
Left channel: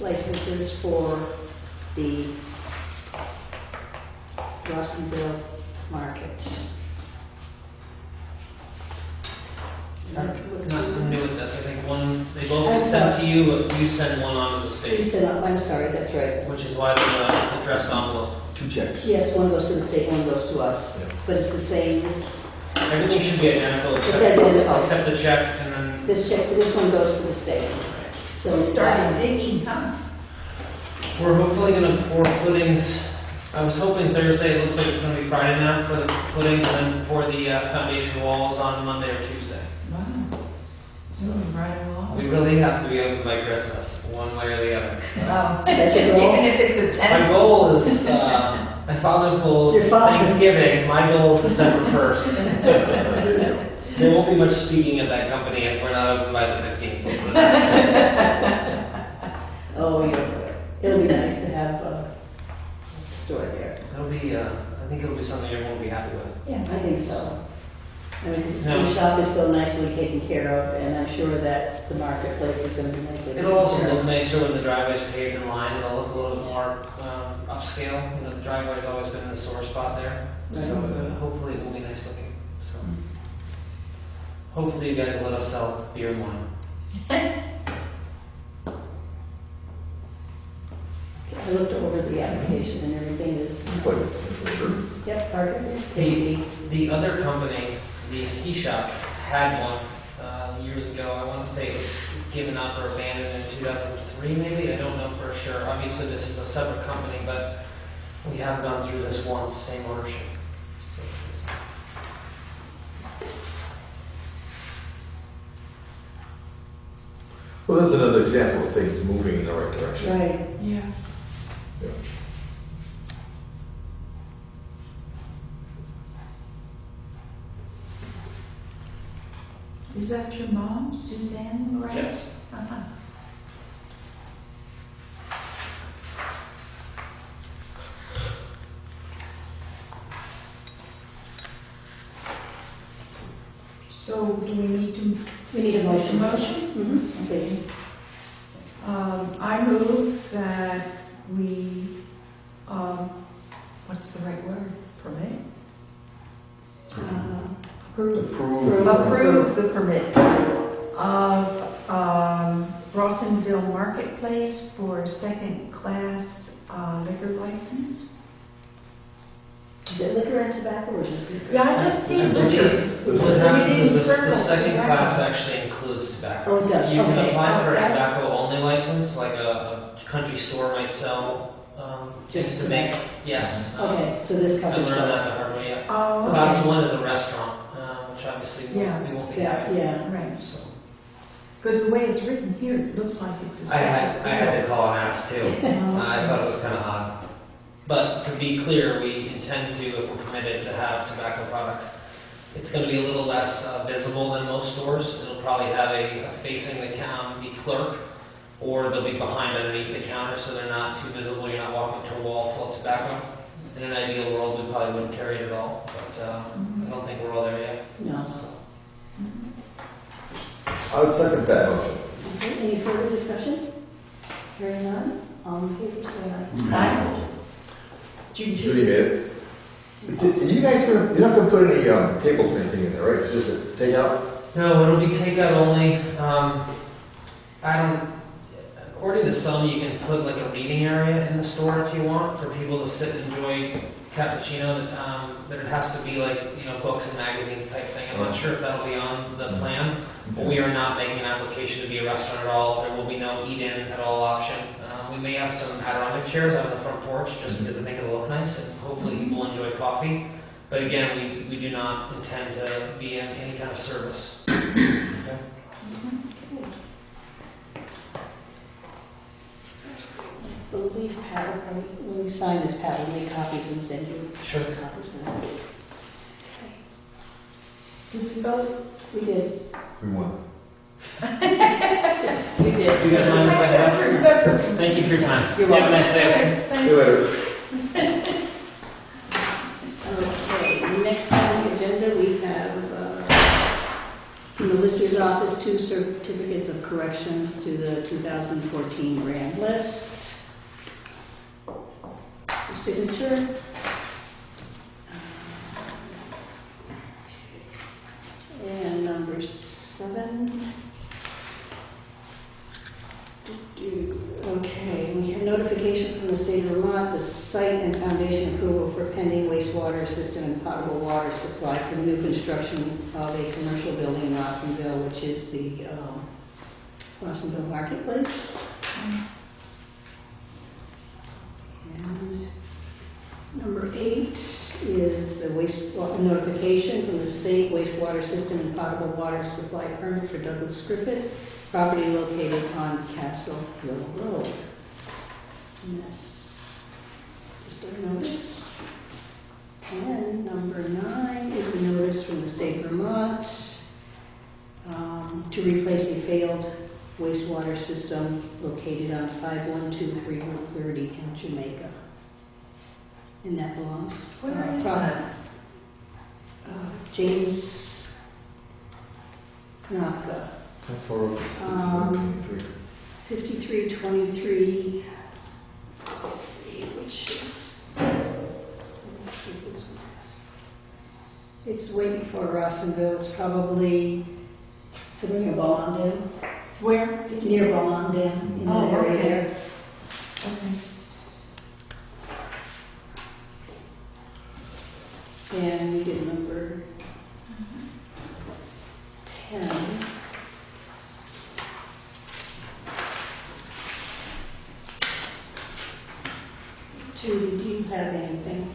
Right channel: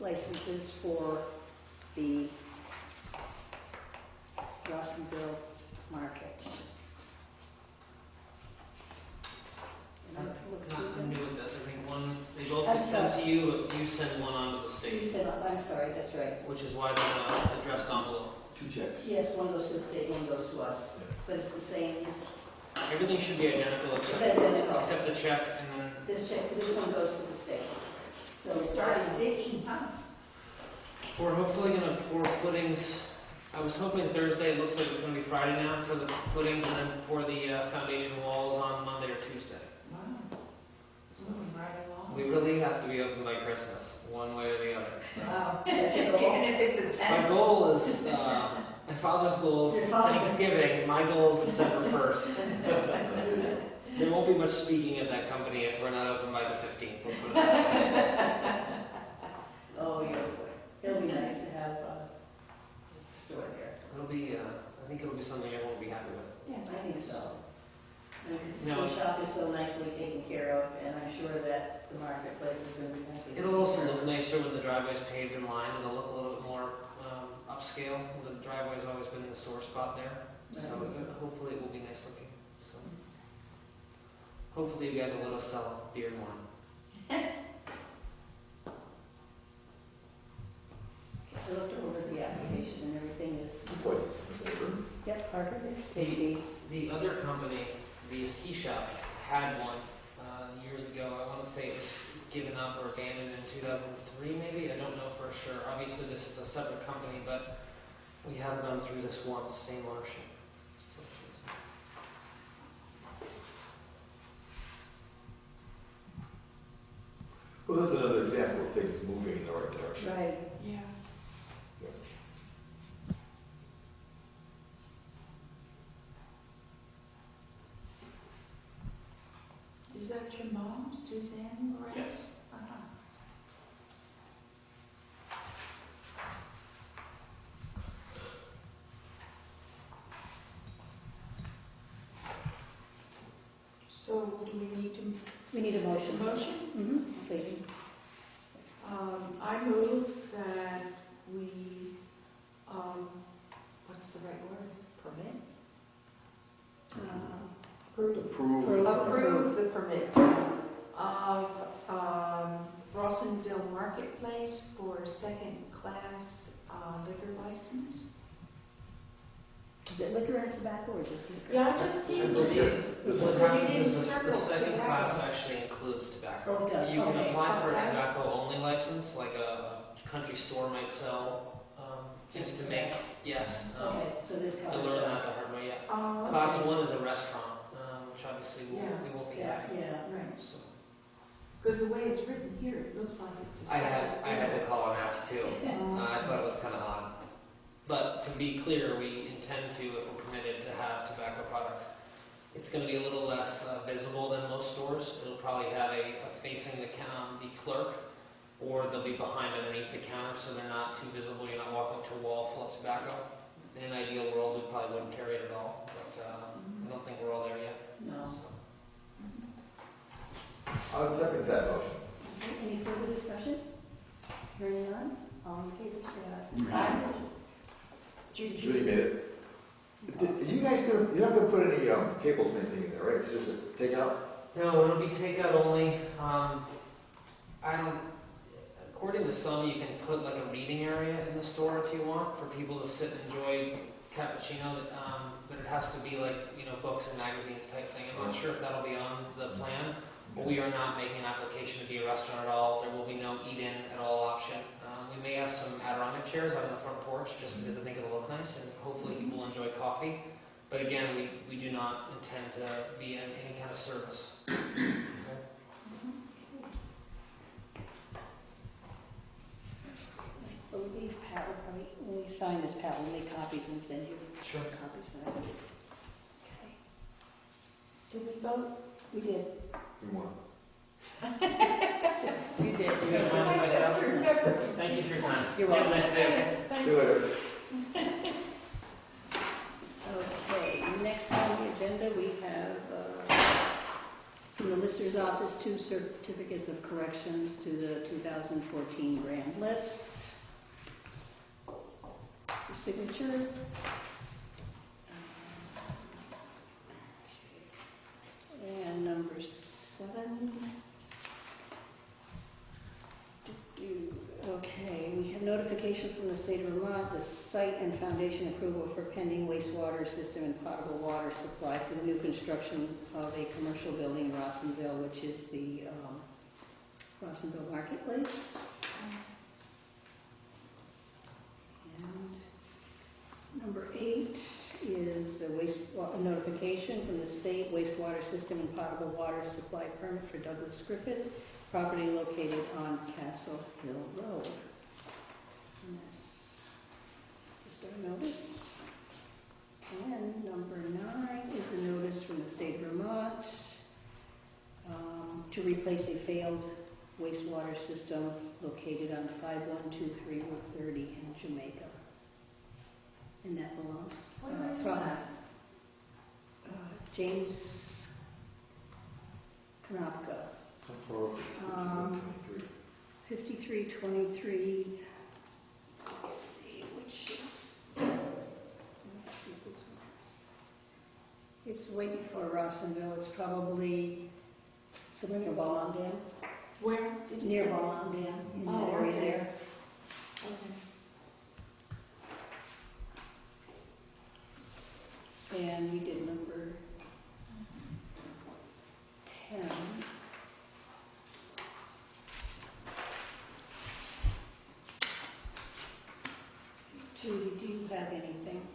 licenses for the Rossville Market. Looks Not good. new with this, I think one, they both I'm get sent to sorry. you, but you send one on to the You state, said, I'm sorry, that's right. which is why there's a addressed envelope. 2 checks. Yes, one goes to the state, one goes to us, but it's the same, Everything should be identical it's except, identical. except the check and then. This one goes to the state. So We it's started digging, huh? We're hopefully gonna pour footings, I was hoping Thursday, it looks like it's gonna be Friday now for the footings, and then pour the foundation walls on Monday or Tuesday. Wow. Moving right along. We really have to be open by Christmas, one way or the other. So. Oh. Is that your goal? Even if it's a My 10. goal is, my father's goal Your is father. Thanksgiving, my goal is December 1st. There won't be much speaking at that company if we're not open by the 15th. Oh, it'll be nice to have a store there. It'll be, I think it'll be something everyone will be happy with. Yeah, I think so. I mean, 'cause the No. ski shop is so nicely taken care of, and I'm sure that the marketplace is gonna be nicely taken care It'll also of. look nicer when the driveway's paved and lined. It'll look a little bit more upscale. You know, the driveway's always been the sore spot there. So hopefully it will be nice looking. So hopefully you guys will let us sell beer and wine. I looked over the application and everything is, yep, Parker, The, the other company, the ski shop, had one years ago. I want to say it was given up or abandoned in 2003 maybe. I don't know for sure. Obviously this is a separate company, but we have gone through this once, same ownership. Well, that's another example of things moving in the right direction. right. Yeah. Yeah. Is that your mom, Suzanne Moran? Yes. Uh-huh. So do we need to, We need a motion. Motion? Mhm, please. I move that we, what's the right word? Permit? Approve. Approve. Approve the permit of Rawsonville Marketplace for a second-class liquor license. Is it liquor and tobacco or just liquor? Yeah, I just see I liquor. believe It's what happens in is the circles, second tobacco. class actually includes tobacco. Oh, it does, You can okay. apply for a That's- tobacco-only license, like a country store might sell Just just to make, yes. Okay, so this I covers learned that both. the hard way, yeah. Oh, okay. Class 1 is a restaurant, which obviously Yeah. we won't be Yeah, having. yeah. Right, So because the way it's written here, it looks like it's a I second. had to call and ask too. Oh, I okay. thought it was kind of odd. But to be clear, we intend to, if we're permitted, to have tobacco products It's going to be a little less visible than most stores. It'll probably have a facing the clerk, or they'll be behind underneath the counter, so they're not too visible. You're not walking to a wall full of tobacco. In an ideal world, we probably wouldn't carry it at all, but I don't think we're all there yet. No. So. I would second that motion. Okay, any further discussion? Hearing none, all in favor, say aye. Aye. Judy made it. You guys you're not gonna put any tables or anything in there, right? It's just a takeout? No, it'll be takeout only. According to some, you can put like a reading area in the store if you want, for people to sit and enjoy cappuccino. But it has to be like, books and magazines type thing. I'm not sure if that'll be on the plan, but we are not making an application to be a restaurant at all. There will be no eat-in at all option. We may have some Adirondack chairs out on the front porch just because I think it'll look nice and hopefully people enjoy coffee. But again, we do not intend to be in any kind of service. Okay. I believe Pat will probably, when we sign this, Pat will make copies and send you Sure. copies of that. Okay. Did we vote? We did. We won. You did. Do you guys mind if I head out? Thank you for your time. You're You have a welcome. nice day. See you later. Okay, next on the agenda, we have, from the Lister's office, 2 certificates of corrections to the 2014 grand list. For signature. And number 7. Okay, we have notification from the state of Vermont, the site and foundation approval for pending wastewater system and potable water supply for the new construction of a commercial building in Rossonville, which is the Rossonville Marketplace. And number 8 is a notification from the state wastewater system and potable water supply permit for Douglas Griffith, property located on Castle Hill Road. And that's just a notice. And number 9 is a notice from the state of Vermont to replace a failed wastewater system located on 5123 Route 30 in Jamaica. And that belongs. Where is that? James Kanaka. How far over? 5323, let's see which is, let's see if this one is. It's way before Rossonville, it's probably, is it near Ballondale? Where? Near Ballondale, in that Oh, area okay. there. Okay. And we did number 10. Judy, do you have anything?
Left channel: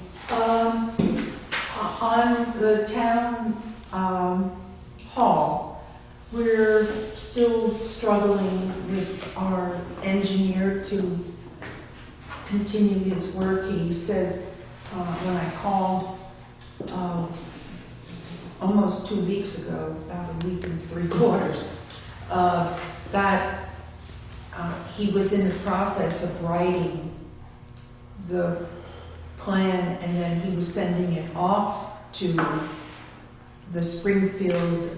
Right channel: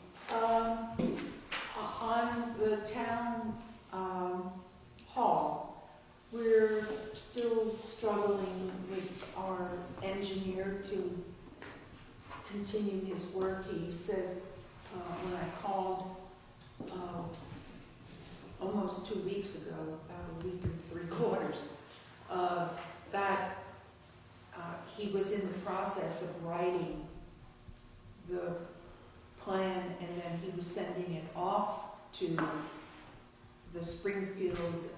On the town hall, we're still struggling with our engineer to continue his work. He says, when I called almost 2 weeks ago, about a week and 3/4, that he was in the process of writing the plan, and then he was sending it off to the Springfield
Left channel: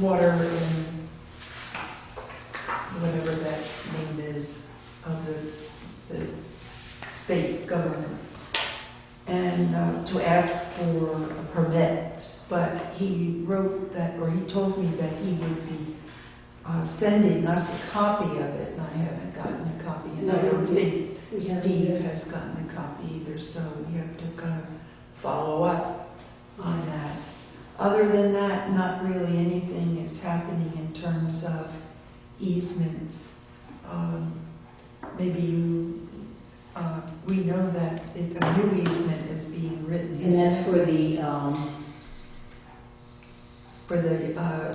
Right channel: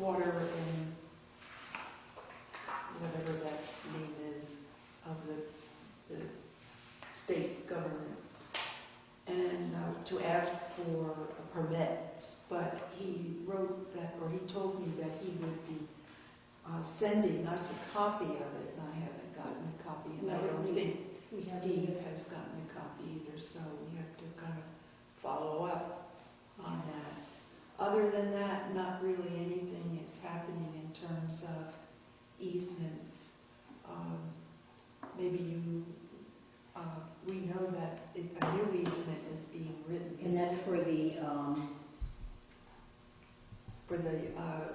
water and whatever that name is of the state government, and to ask for permits. But he wrote that, or he told me that he would be sending us a copy of it, and I haven't gotten a copy, and I don't think Steve has gotten a copy either, so you have to kind of follow up on that. Other than that, not really anything is happening in terms of easements. Maybe we know that a new easement is being written. And that's for the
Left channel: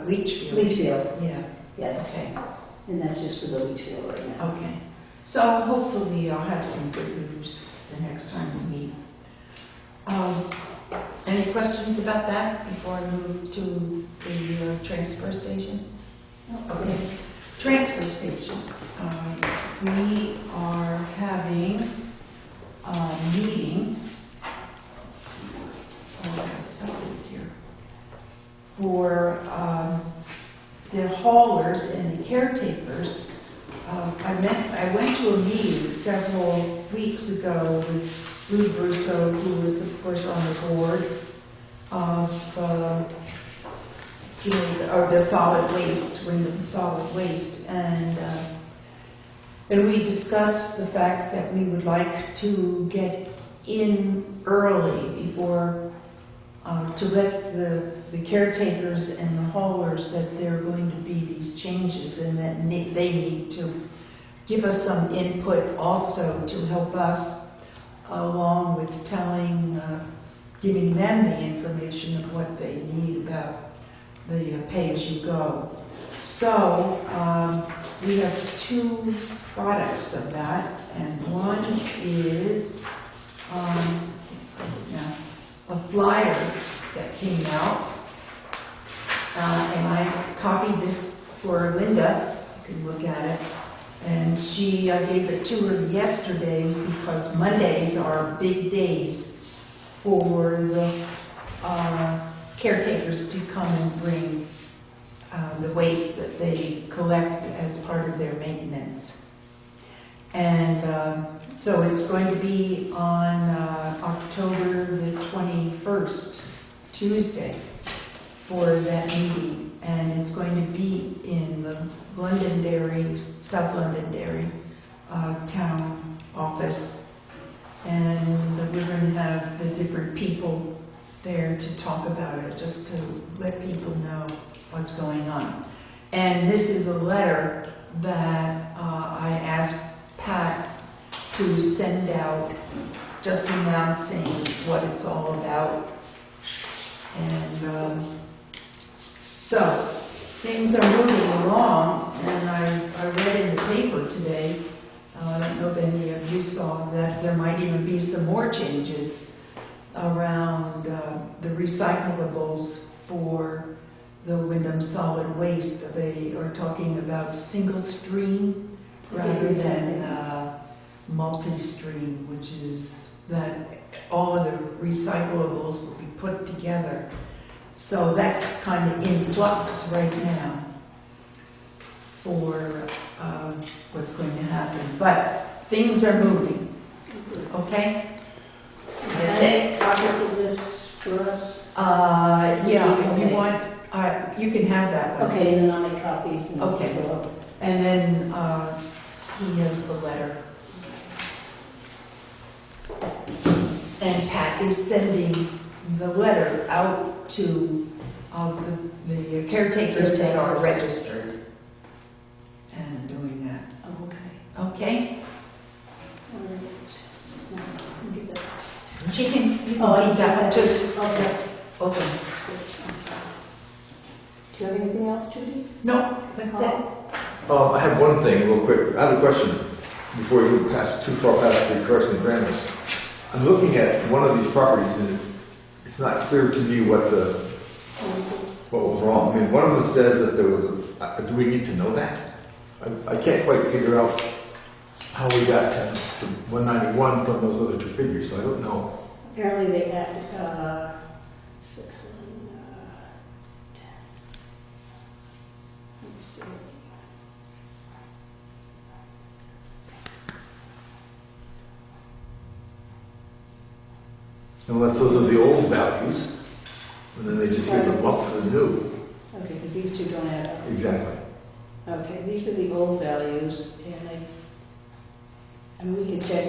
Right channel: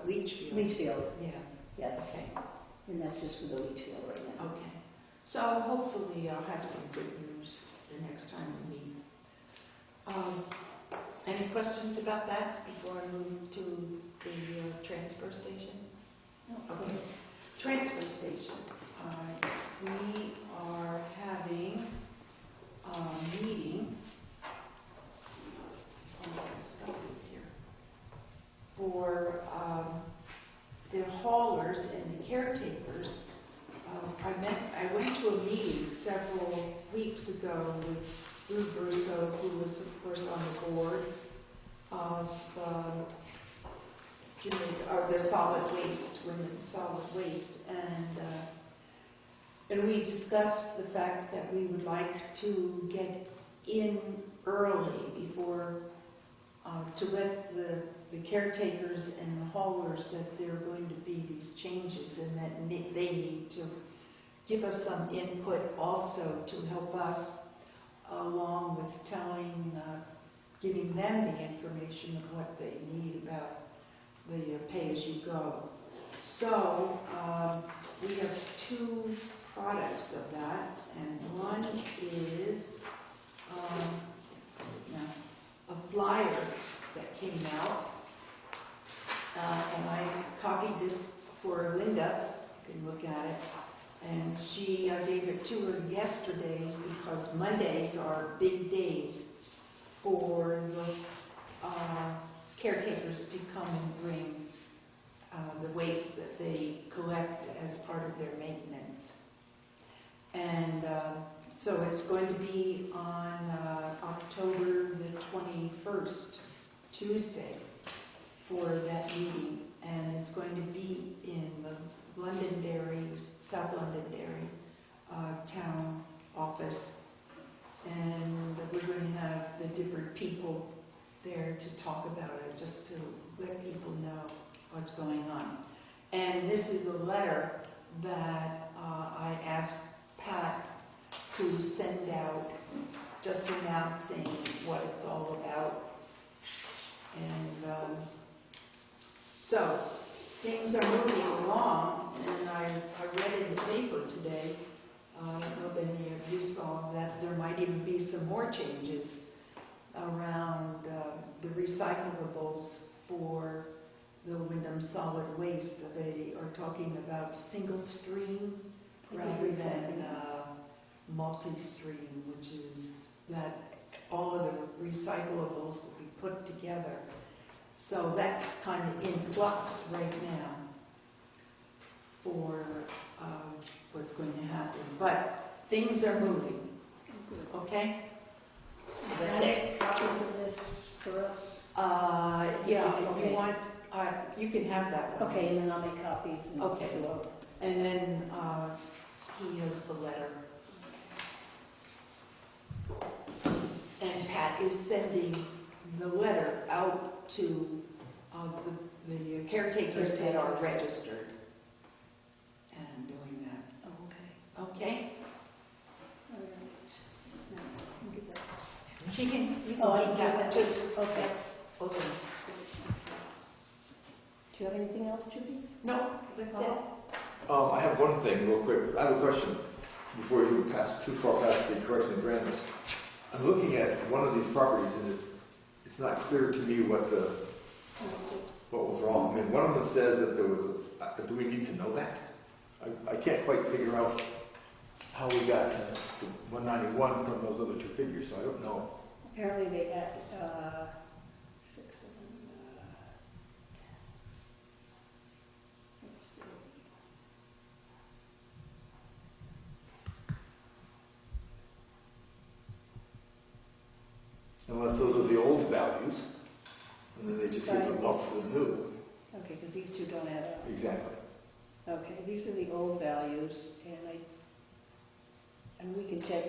leach field. leach field, Yeah, yes. okay, And that's just for the leach field right now. okay. So hopefully I'll have some good news the next time we meet. Any questions about that before I move to the transfer station? Okay. Transfer station. We are having a meeting. Let's see. Stuff is here. For the haulers and the caretakers. I went to a meeting several weeks ago with Lou Russo, who is of course on the board of the solid waste, Wyndham Solid Waste, and we discussed the fact that we would like to get in early before to let the caretakers and the haulers that there are going to be these changes and that they need to give us some input also to help us along with giving them the information of what they need about the pay-as-you-go. So we have two products of that, and one is a flyer that came out, and I copied this for Linda. You can look at it. And I gave it to her yesterday because Mondays are big days for the caretakers to come and bring the waste that they collect as part of their maintenance. And so it's going to be on October the 21st, Tuesday, for that meeting. And it's going to be in the Londonderry, South Londonderry town office. And we're going to have the different people there to talk about it, just to let people know what's going on. And this is a letter that I asked Pat to send out, just announcing what it's all about. And so things are moving along, and I read in the paper today, I don't know if any of you saw, that there might even be some more changes around the recyclables for the Wyndham Solid Waste. They are talking about single stream rather than multi-stream, which is that all of the recyclables will be put together. So that's kind of in flux right now for what's going to happen. But things are moving, okay? That's it. Copies of this for us? Yeah, if you Okay. want, you can have that one. Okay, and then I'll make copies and Okay. so And then he has the letter. And Pat is sending the letter out to the caretakers that are registered and doing that. oh, okay. Okay? All right. Now, I'll give that. You can keep I that one too. Okay. Okay. Do you have anything else, Judy? No, that's it. I have one thing real quick. I have a question before you pass too far past the correction of grammars. I'm looking at one of these properties and it's not clear to me what was wrong. I mean, one of them says that there was do we need to know that? I can't quite figure out how we got to 191 from those other two figures, so I don't know. Apparently they added 6 and 10. Let's see. Unless those are the old values, and then they just give them up to the new. Okay, because these two don't add up. Exactly. Okay, these are the old values, and I mean, we can check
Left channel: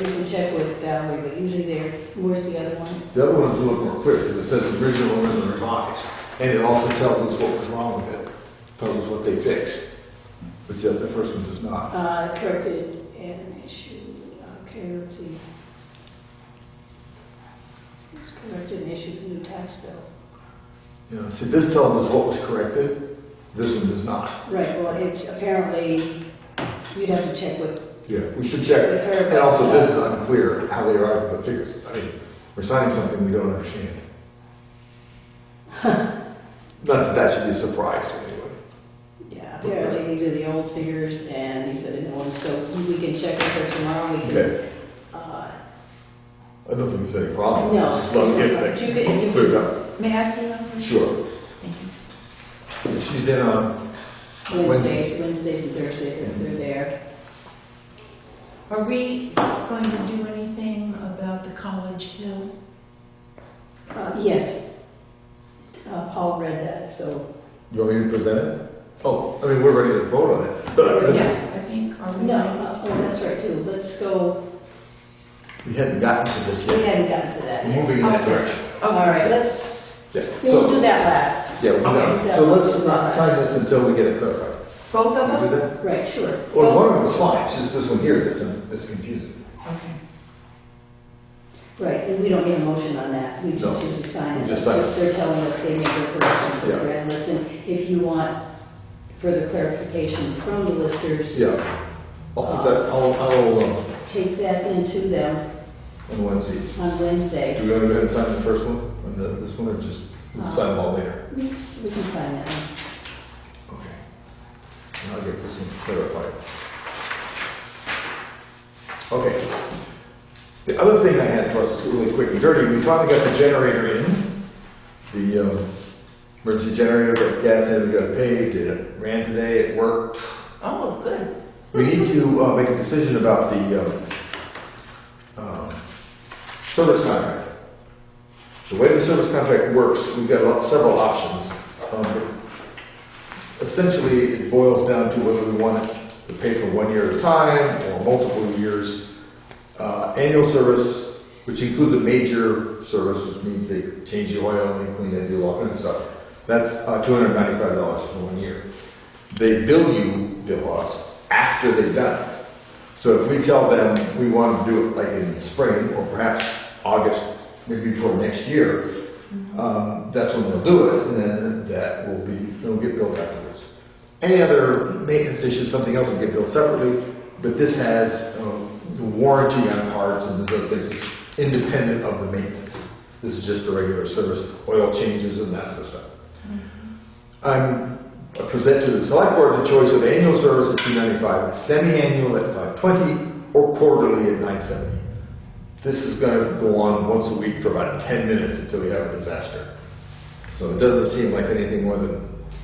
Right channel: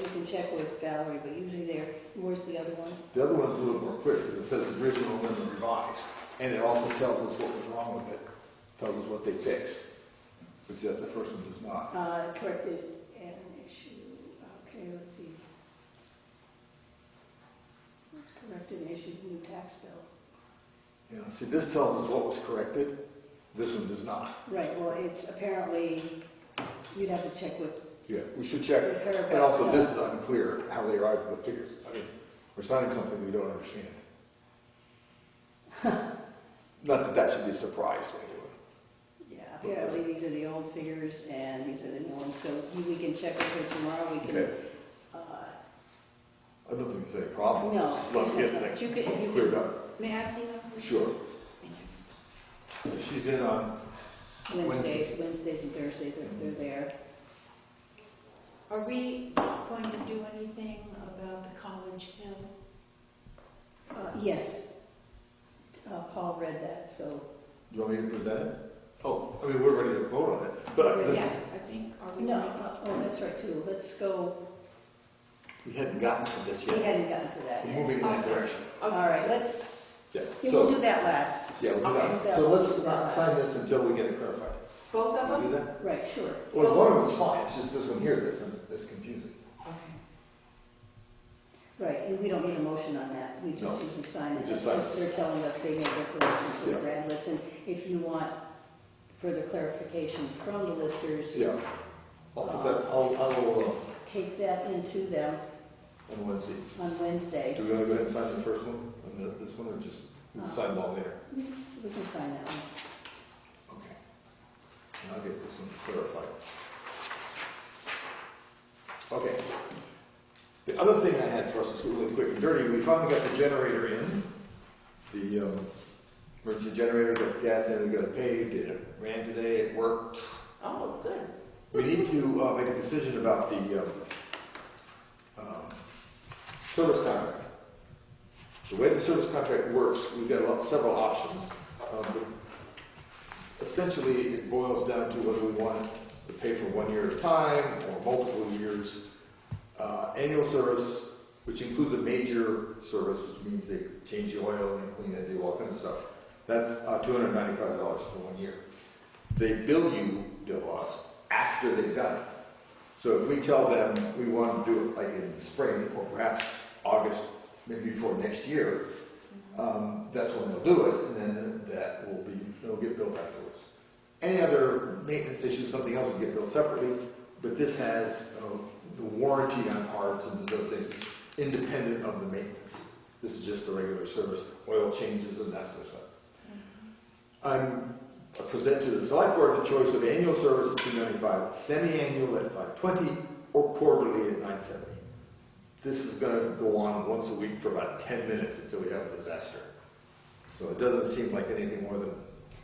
with Valerie, but usually they're, where's the other one? The other one's a little more clear, because it says original and then revised. And it also tells us what was wrong with it, tells us what they fixed. But the first one does not. Corrected and an issue, okay, let's see. Corrected and issued a new tax bill. You know, see, this tells us what was corrected, this one does not. Right, well, it's apparently, you'd have to check with Yeah, we should check. with her. And also, but, this is unclear how they arrived at the figures. I mean, we're signing something we don't understand. Not that that should be a surprise anyway. Yeah, apparently these are the old figures and these are the new ones, so we can check with her tomorrow, we can, Okay, uh, I don't think there's any problem. no. Just let's get But you could- things you cleared could- up. May I see them? please? Sure. Thank you. She's in on Wednesdays and Thursdays, they're there. Are we going to do anything about the College Hill? Yes. Paul read that, so, You want me to present it? Oh, I mean, we're ready to vote on it, but Yeah, this, I think, are we? no, ready? oh, that's right too, let's go, we hadn't gotten to this we yet. hadn't gotten to that We're yet. moving in that Okay. direction. All right, let's, Yeah, we'll so, do that last. yeah, we Okay. know. So let's not sign this until we get it clarified. Both of Can we them? do that? Right, sure. Well, one of them was fine, it's just this one here that's confusing. Okay. Right, and we don't need a motion on that, we just No, need to sign we it. just sign it. They're telling us they made their corrections for the Yeah. grant list, and if you want further clarification from the listers, Yeah, I'll put that, I'll, take that into them on Wednesday. on Wednesday. Do we want to go ahead and sign the first one, and this one, or just we'll sign them all later? We can sign that one. Okay. And I'll get this one clarified. Okay. The other thing I had for us is really quick and dirty. We finally got the generator in. The emergency generator, got the gas in, we got it paved, it ran today, it worked. Oh, good. We need to make a decision about the service contract. The way the service contract works, we've got several options. Essentially, it boils down to whether we want it to pay for 1 year at a time or multiple years. Annual service, which includes a major service, which means they change the oil and they clean it, do all kinds of stuff. That's $295 for 1 year. They bill us after they've done it. So if we tell them we want to do it like in spring or perhaps August, maybe before next year, that's when we'll do it, and then it'll get billed afterwards. Any other maintenance issue, something else will get billed separately, but this has the warranty on parts and those other things. It's independent of the maintenance. This is just the regular service, oil changes and that sort of stuff. I'm present to the select board the choice of annual service at $295, semi-annual at $520, or quarterly at $970. This is going to go on once a week for about 10 minutes until we have a disaster. So it doesn't seem like anything more than,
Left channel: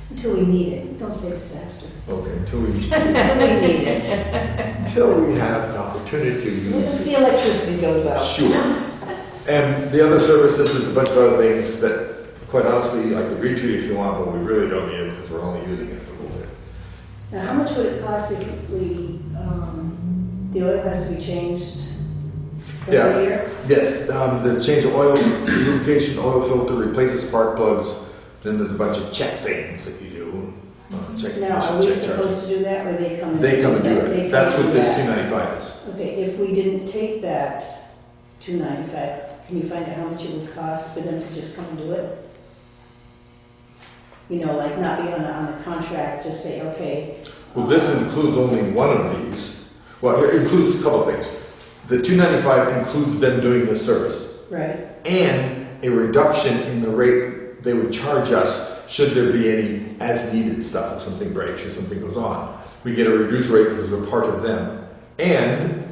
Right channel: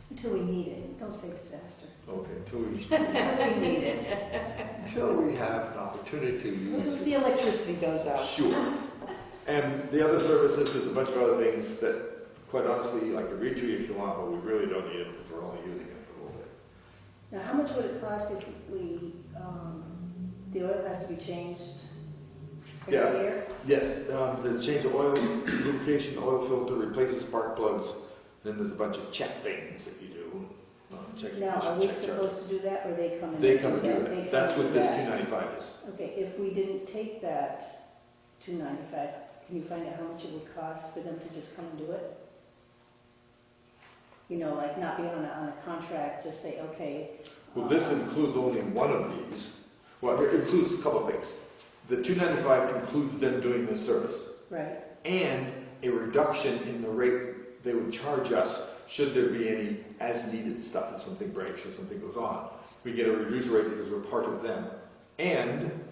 Until we need it, don't say disaster. okay, until we Until we need it. have an opportunity to use If it. the electricity goes out. Sure. And the other services, there's a bunch of other things that, quite honestly, I could read to you if you want, but we really don't need it because we're only using it for a little bit. Now, how much would it cost if the oil has to be changed Yeah. every year? Yes, the change of oil, lubrication, oil filter, replaces spark plugs, then there's a bunch of check things that you do. Check Now, are we supposed to do that, or they come and? They come and do They it. come That's and what do this that. 295 is. Okay, if we didn't take that $295, can you find out how much it would cost for them to just come and do it? You know, like not be on a contract, just say, okay. Well, this includes only one of these. Well, it includes a couple of things. The 295 includes them doing this service Right, and a reduction in the rate they would charge us should there be any as-needed stuff, if something breaks or something goes on. We get a reduced rate because we're part of them. And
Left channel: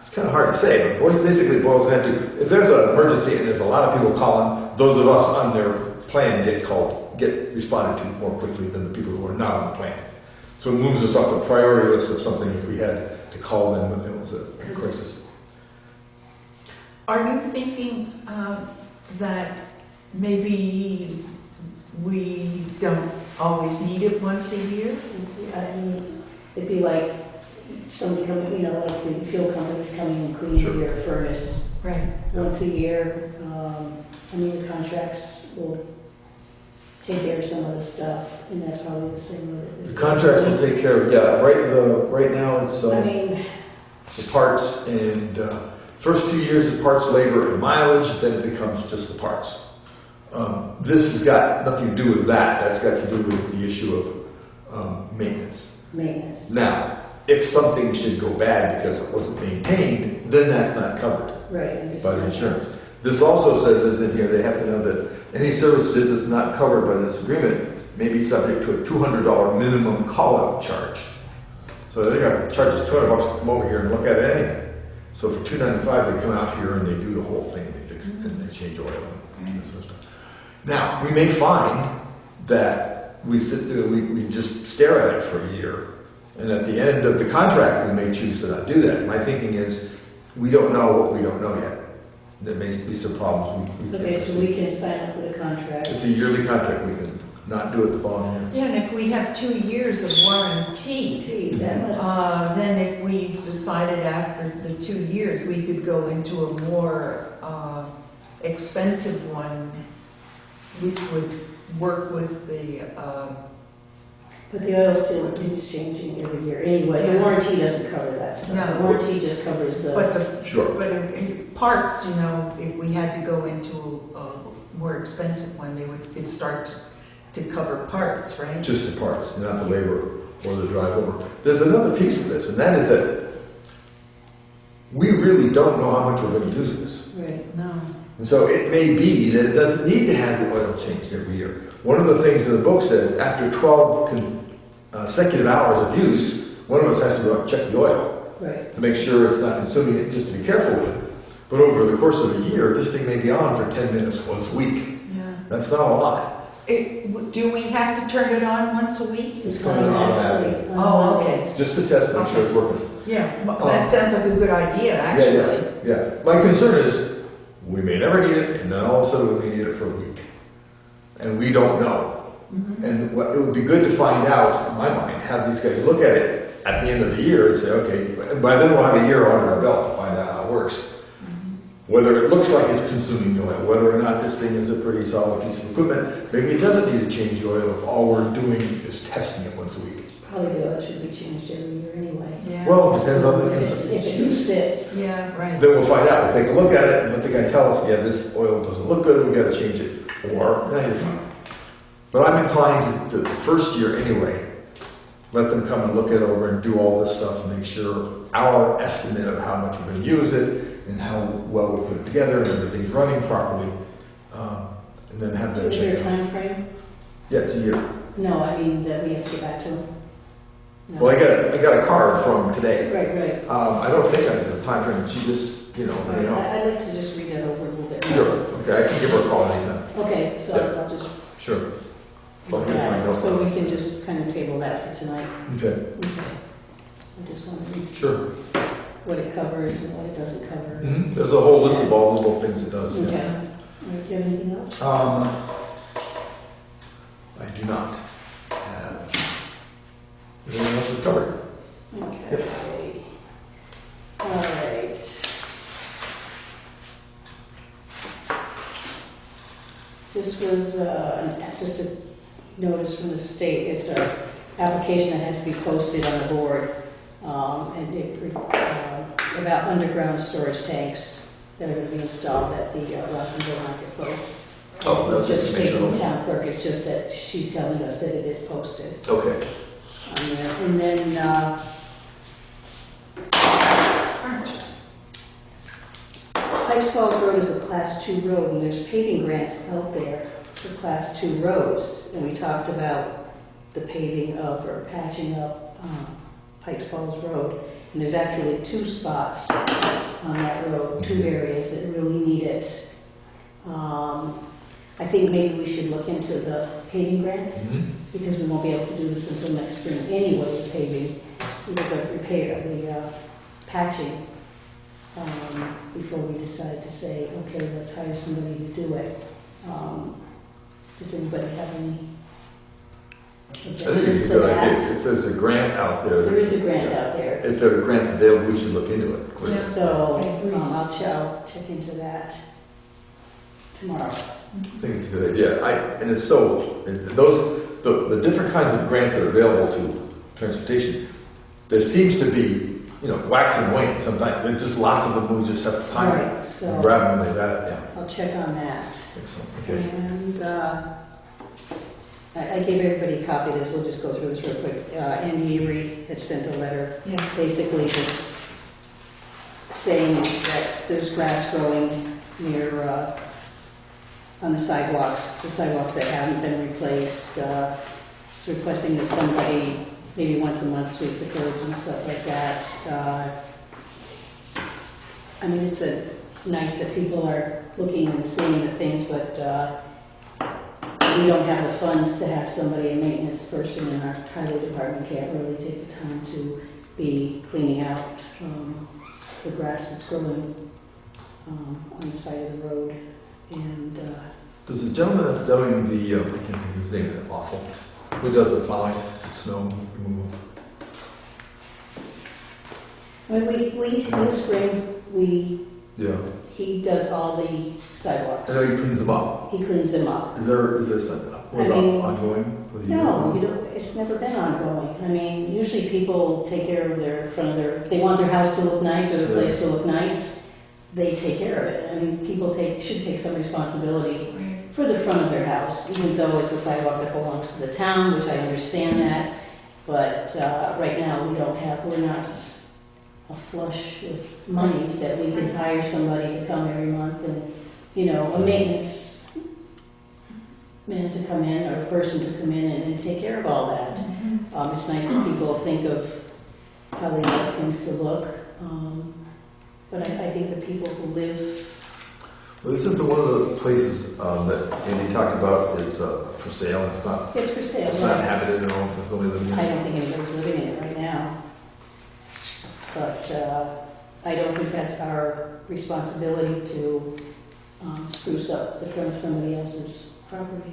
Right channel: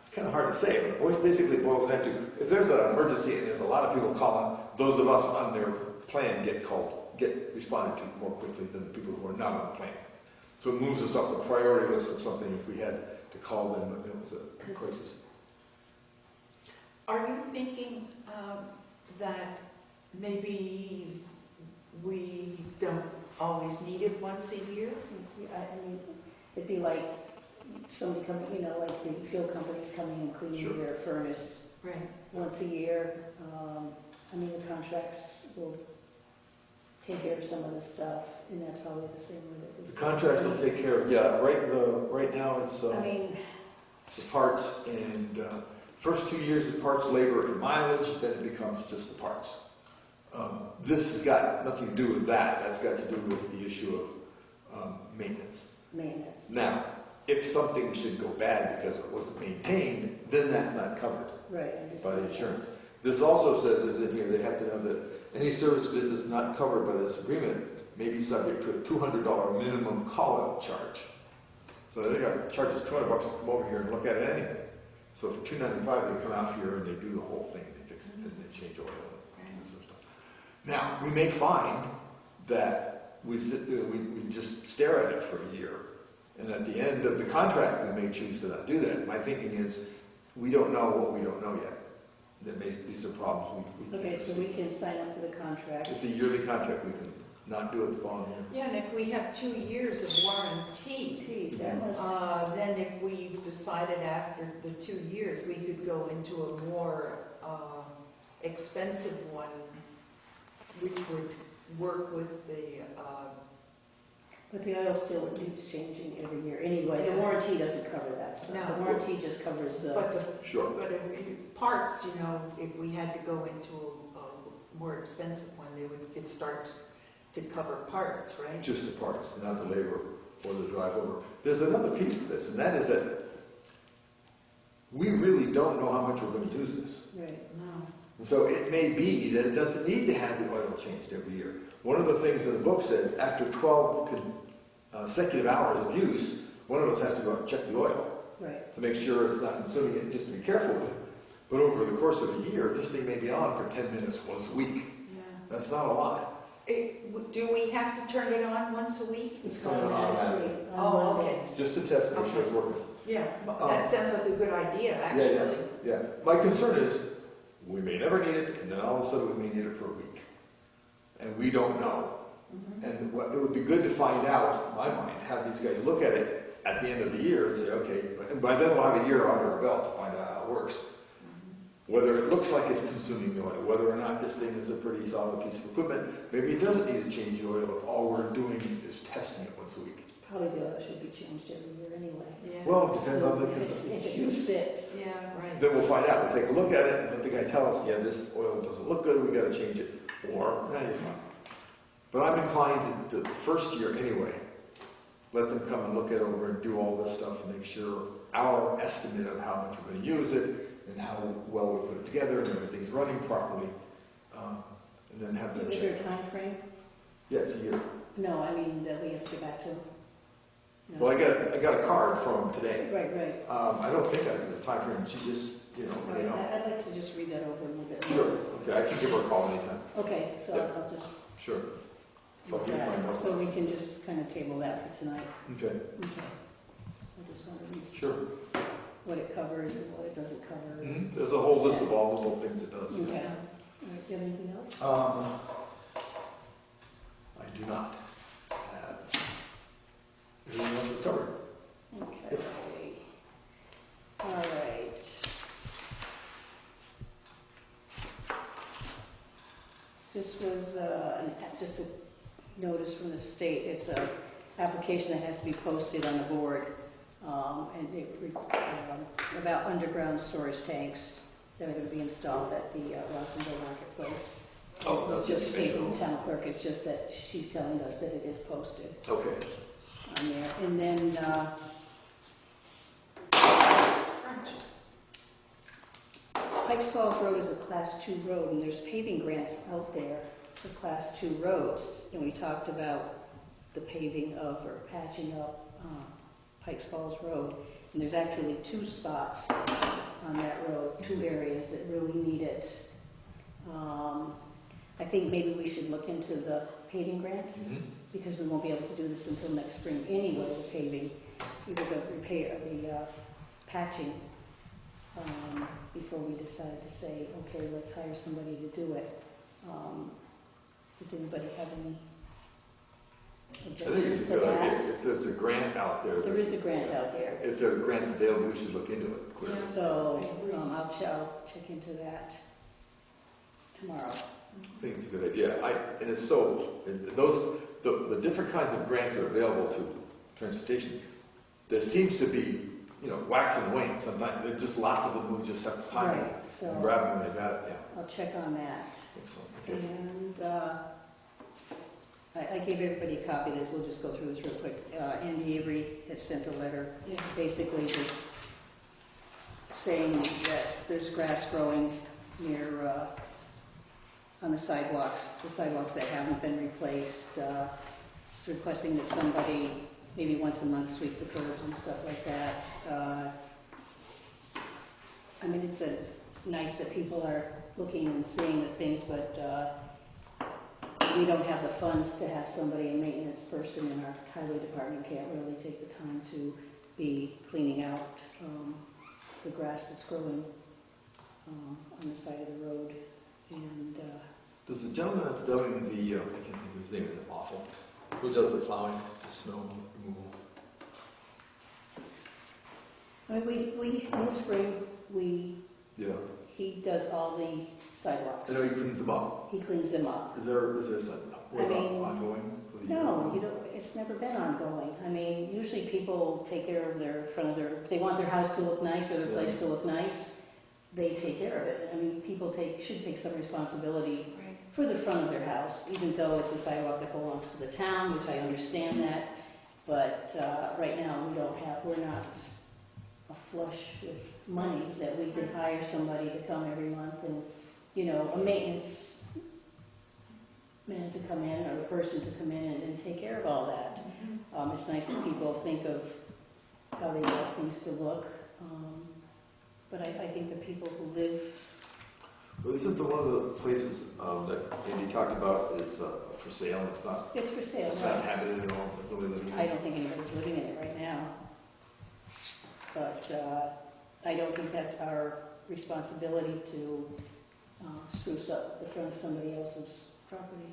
it's kind of hard to say, but basically it boils down to, if there's an emergency and there's a lot of people calling, those of us on their plan get responded to more quickly than the people who are not on the plan. So it moves us off the priority list of something if we had to call them when it was a crisis. Are you thinking that maybe we don't always need it once a year? and see, it'd be like somebody coming, you know, like the fuel companies coming and cleaning Sure. your furnace Right. once a year. I mean, the contracts will take care of some of the stuff, and that's probably the same with it. The contracts will take care of, yeah, right now it's I mean, the parts and first 2 years the parts, labor, and mileage, then it becomes just the parts. This has got nothing to do with that. That's got to do with the issue of maintenance. maintenance. Now, if something should go bad because it wasn't maintained, then that's not covered Right, by the insurance. This also says, as in here, they have to know that any service business not covered by this agreement may be subject to a $200 minimum call-out charge. So they're gonna charge us $200 to come over here and look at it anyway. So for $295, they come out here and they do the whole thing, they fix it, and they change oil and this sort of stuff. Now, we may find that we sit there, we just stare at it for a year, and at the end of the contract, we may choose to not do that. My thinking is, we don't know what we don't know yet. There may be some problems. Okay, so we can sign up with a contract. It's a yearly contract, we can not do it the following year. Yeah, and if we have 2 years of warranty, Gee, that must, then if we decided after the 2 years, we could go into a more expensive one, which would work with the, but the oil still needs changing every year anyway. The Yeah. warranty doesn't cover that stuff. No. The warranty just covers the, but the, Sure. but in parts, you know, if we had to go into a more expensive one, it'd start to cover parts, right? Just the parts, not the labor or the drive over. There's another piece of this, and that is that we really don't know how much we're going to use this. right. No. And so it may be that it doesn't need to have the oil changed every year. One of the things in the book says after 12 consecutive hours of use, one of us has to go out and check the oil Right. to make sure it's not consuming it, just to be careful with it. But over the course of a year, this thing may be on for 10 minutes once a week. Yeah. That's not a lot. Do we have to turn it on once a week? It's on automatically. Oh, okay. Just to test to make sure it's working. Yeah, that sounds like a good idea, actually. Yeah. My concern is, we may never need it, and then all of a sudden we may need it for a week. And we don't know. Mhm. And what, it would be good to find out, in my mind, have these guys look at it at the end of the year and say, okay, and by then we'll have a year under our belt to find out how it works. Whether it looks like it's consuming oil, whether or not this thing is a pretty solid piece of equipment, maybe it doesn't need to change the oil if all we're doing is testing it once a week. Probably the oil should be changed every year anyway. Yeah. Well, it depends on the If it sits. Yeah, right. Then we'll find out. We'll take a look at it and let the guy tell us, yeah, this oil doesn't look good, we gotta change it. Or, no, you're fine. But I'm inclined to the first year anyway, let them come and look it over and do all this stuff and make sure our estimate of how much we're gonna use it and how well we put it together and everything's running properly. And then have them Is there a check. time frame? Yeah, it's a year. No, I mean that we have to get back to them. No. Well, I got a card from today. Right, right. I don't think there's a time frame. She just, you know. I'd like to just read that over a little bit. Sure. Okay, I can give her a call anytime. Okay, so Yeah. I'll just Sure. look Okay, at fine, it. no So problem. we can just kind of table that for tonight. Okay. Okay. I just want to read Sure. what it covers and what it doesn't cover. There's a whole list of all the little things it does. Okay. Yeah. All right, do you have anything else? I do not have. Everything else is covered. Okay. All right. This was just a notice from the state. It's an application that has to be posted on the board. And about underground storage tanks that are going to be installed at the Rossington Marketplace. Oh, that's Just information taking only. the town clerk, it's just that she's telling us that it is posted Okay. on there. And then, Pikes Falls Road is a Class 2 road, and there's paving grants out there for Class 2 roads. And we talked about the paving of, or patching up Pikes Falls Road. And there's actually 2 spots on that road, 2 areas that really need it. I think maybe we should look into the paving grant, because we won't be able to do this until next spring anyway, with paving, either the repair, the patching, before we decide to say, okay, let's hire somebody to do it. Does anybody have any I think objections it's to a good idea. that? If there's a grant out there. There is a grant out there, If there are grants available, we should look into it. Of course. so I agree. I'll check into that tomorrow. I think it's a good idea. And it's so, the different kinds of grants that are available to transportation, there seems to be, wax and wane sometimes. There's just lots of them, we just have to time it. Right, so Grab them when they got it, yeah. I'll check on that. Excellent, okay. And I gave everybody a copy of this, we'll just go through this real quick. Andy Avery had sent a letter, Yes. basically just saying that there's grass growing near, on the sidewalks that haven't been replaced, requesting that somebody, maybe once a month, sweep the curbs and stuff like that. I mean, it's nice that people are looking and seeing the things, but we don't have the funds to have somebody, a maintenance person in our highway department can't really take the time to be cleaning out the grass that's growing on the side of the road. And Does the gentleman that's doing the, I can't think of his name, it's awful, who does the plowing, the snow removal? I mean, we in the spring, Yeah. he does all the sidewalks. I know he cleans them up. He cleans them up. Is there something, what I about mean, ongoing for the No, year? you don't, it's never been ongoing. I mean, usually people take care of their front of their, if they want their house to look nice or their place to look nice, they take care of it. I mean, people should take some responsibility for the front of their house, even though it's a sidewalk that belongs to the town, which I understand that. But right now, we're not flush with money that we can hire somebody to come every month and, a maintenance man to come in or a person to come in and take care of all that. It's nice that people think of how they want things to look. But I think the people who live. Well, this is one of the places that Andy talked about is for sale. It's not. It's for sale. It's not inhabited at all. There's nobody living in I it. don't think anybody's living in it right now. But I don't think that's our responsibility to spruce up the front of somebody else's property.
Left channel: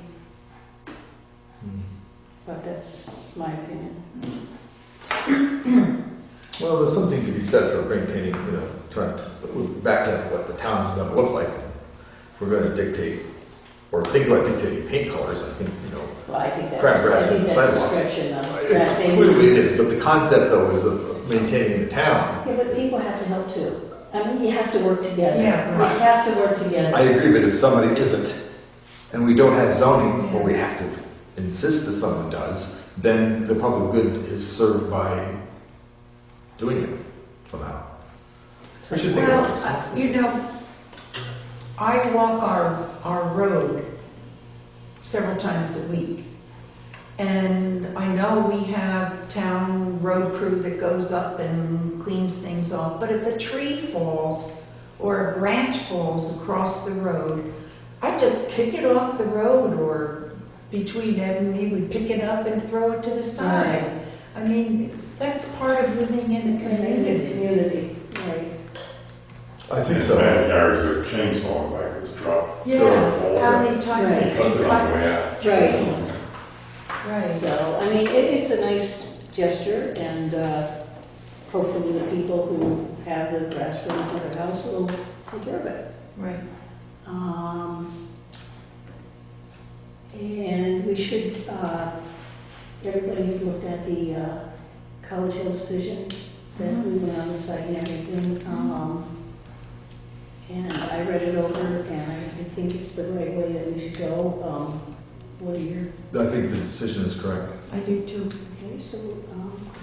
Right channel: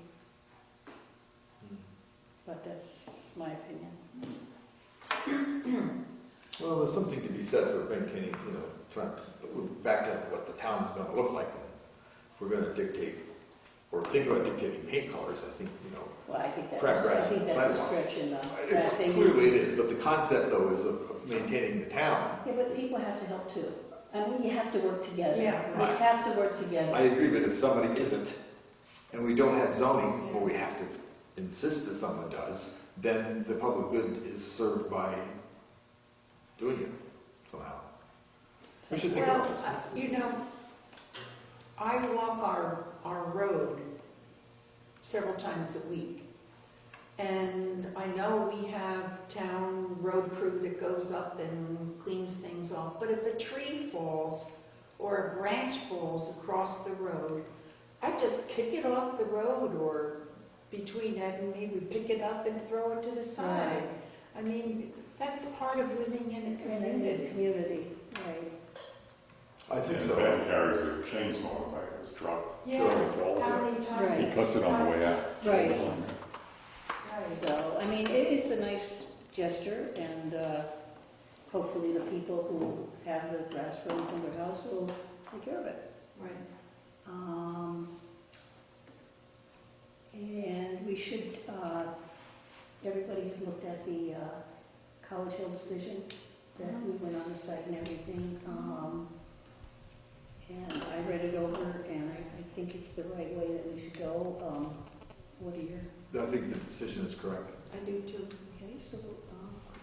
But that's my opinion. Well, there's something to be said for maintaining, trying to back to what the town is going to look like. If we're going to dictate or think about dictating paint colors, I think, Well, I think crab grass that's and a sidewalk. stretch enough. Clearly it is, but the concept though is of maintaining the town. Yeah, but people have to help too. I mean, you have to work together. Yeah, We have to work together. I agree, but if somebody isn't, and we don't have zoning, or we have to insist that someone does, then the public good is served by doing it somehow. We should think about this. I walk our road several times a week. And I know we have town road crew that goes up and cleans things off, but if a tree falls or a branch falls across the road, I just pick it off the road, or between Ed and me, we pick it up and throw it to the side. I mean, that's part of living in a community. Right. I think And so. bad carries a chainsaw back this truck. Yeah, how many times Right. has Cuts he it on the way cut out. Right. trees? Right. So, I mean, it's a nice gesture, and hopefully the people who have the grass running to their house will take care of it. Right. And we should, everybody has looked at the College Hill decision that we went on the site and everything. And I read it over, and I think it's the right way that we should go. What are your, I think the decision is correct. I do too. okay, so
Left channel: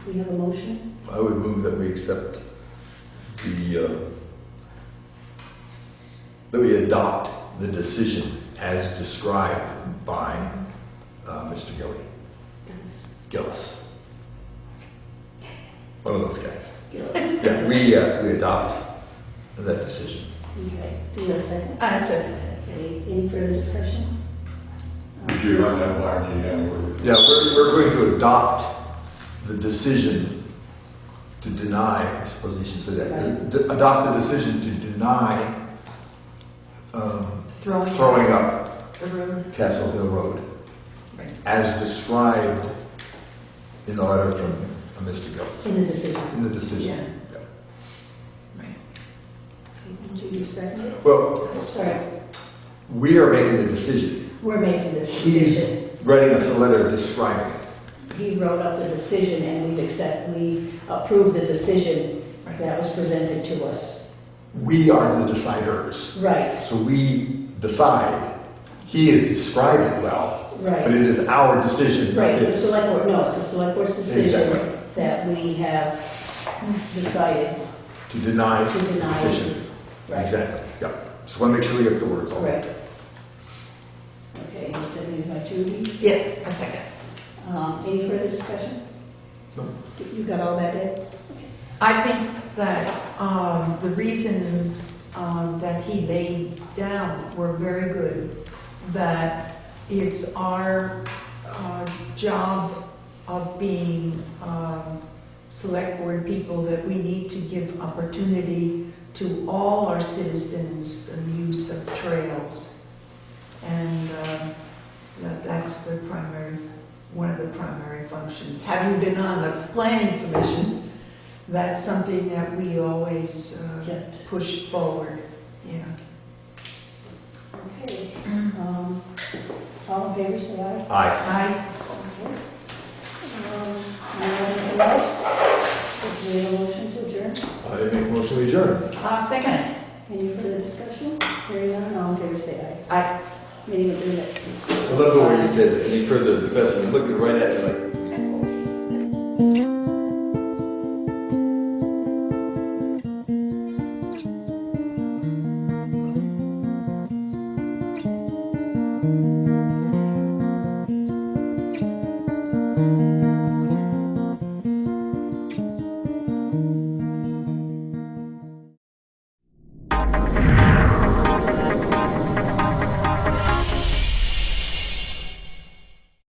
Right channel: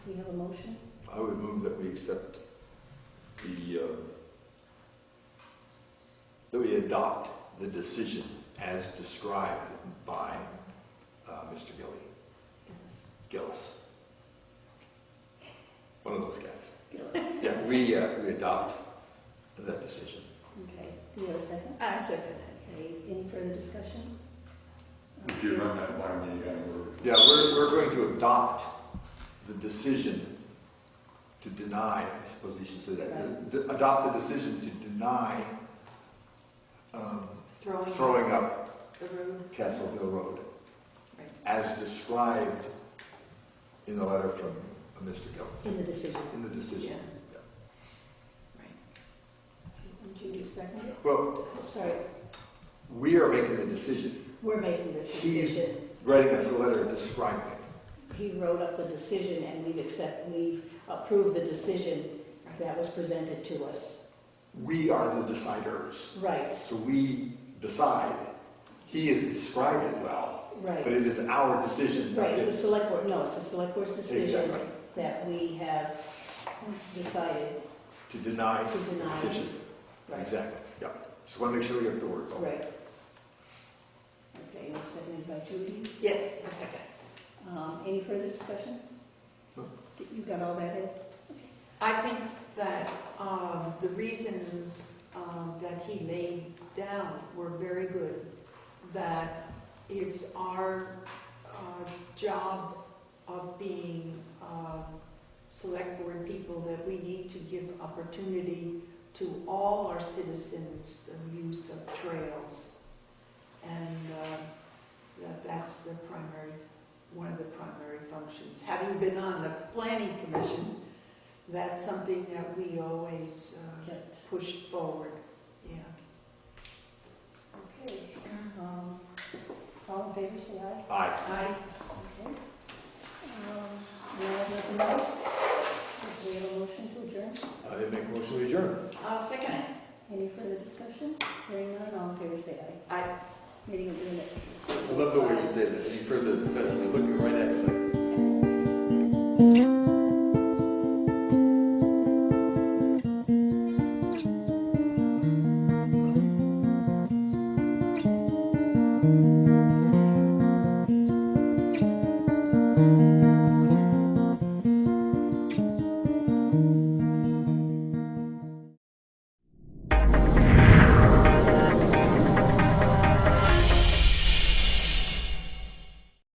we have a motion? I would move that we accept that we adopt the decision as described by Mr. Gillis. One of those guys. Gillis. Yeah, we adopt that decision. Okay, do you have a second? I said, Okay, any further discussion? Would you run that by again? Yeah, we're going to adopt the decision to deny, I suppose you should say that, adopt the decision to deny throwing up the road. Castle Hill Road, Right. as described in the letter from Mr. Gillis, In the decision. in the decision. Right. Okay, would you second it? Well, Sorry, we are making the decision. we're making this He's decision. writing us a letter describing it. He wrote up the decision, and we approved the decision that was presented to us. We are the deciders. Right, So we decide. He has described it well, but right. it is our decision. Right, it's the It's- select board, no, it's the select board's decision Exactly. that we have decided To deny to the deny. petition. Right. Exactly, yeah. Just want to make sure we get the words all right. Correct. Okay, seconded by Judy. Yes, a second. Any further discussion? No. You got all that, Ed? I think that the reasons that he laid down were very good. That it's our job of being select board people that we need to give opportunity to all our citizens the use of trails. And that's the primary, one of the primary functions. Having been on the planning commission, that's something that we always Kept. push forward, yeah. Okay. All in favor, say aye. Aye. Okay. Anything else? Do we have a motion to adjourn? I didn't make a motion to adjourn. Second it. Any further discussion? Hearing none, all in favor, say aye. Aye. Meeting adjourned. I love the way you said that. Any further discussion, you're looking right at me like,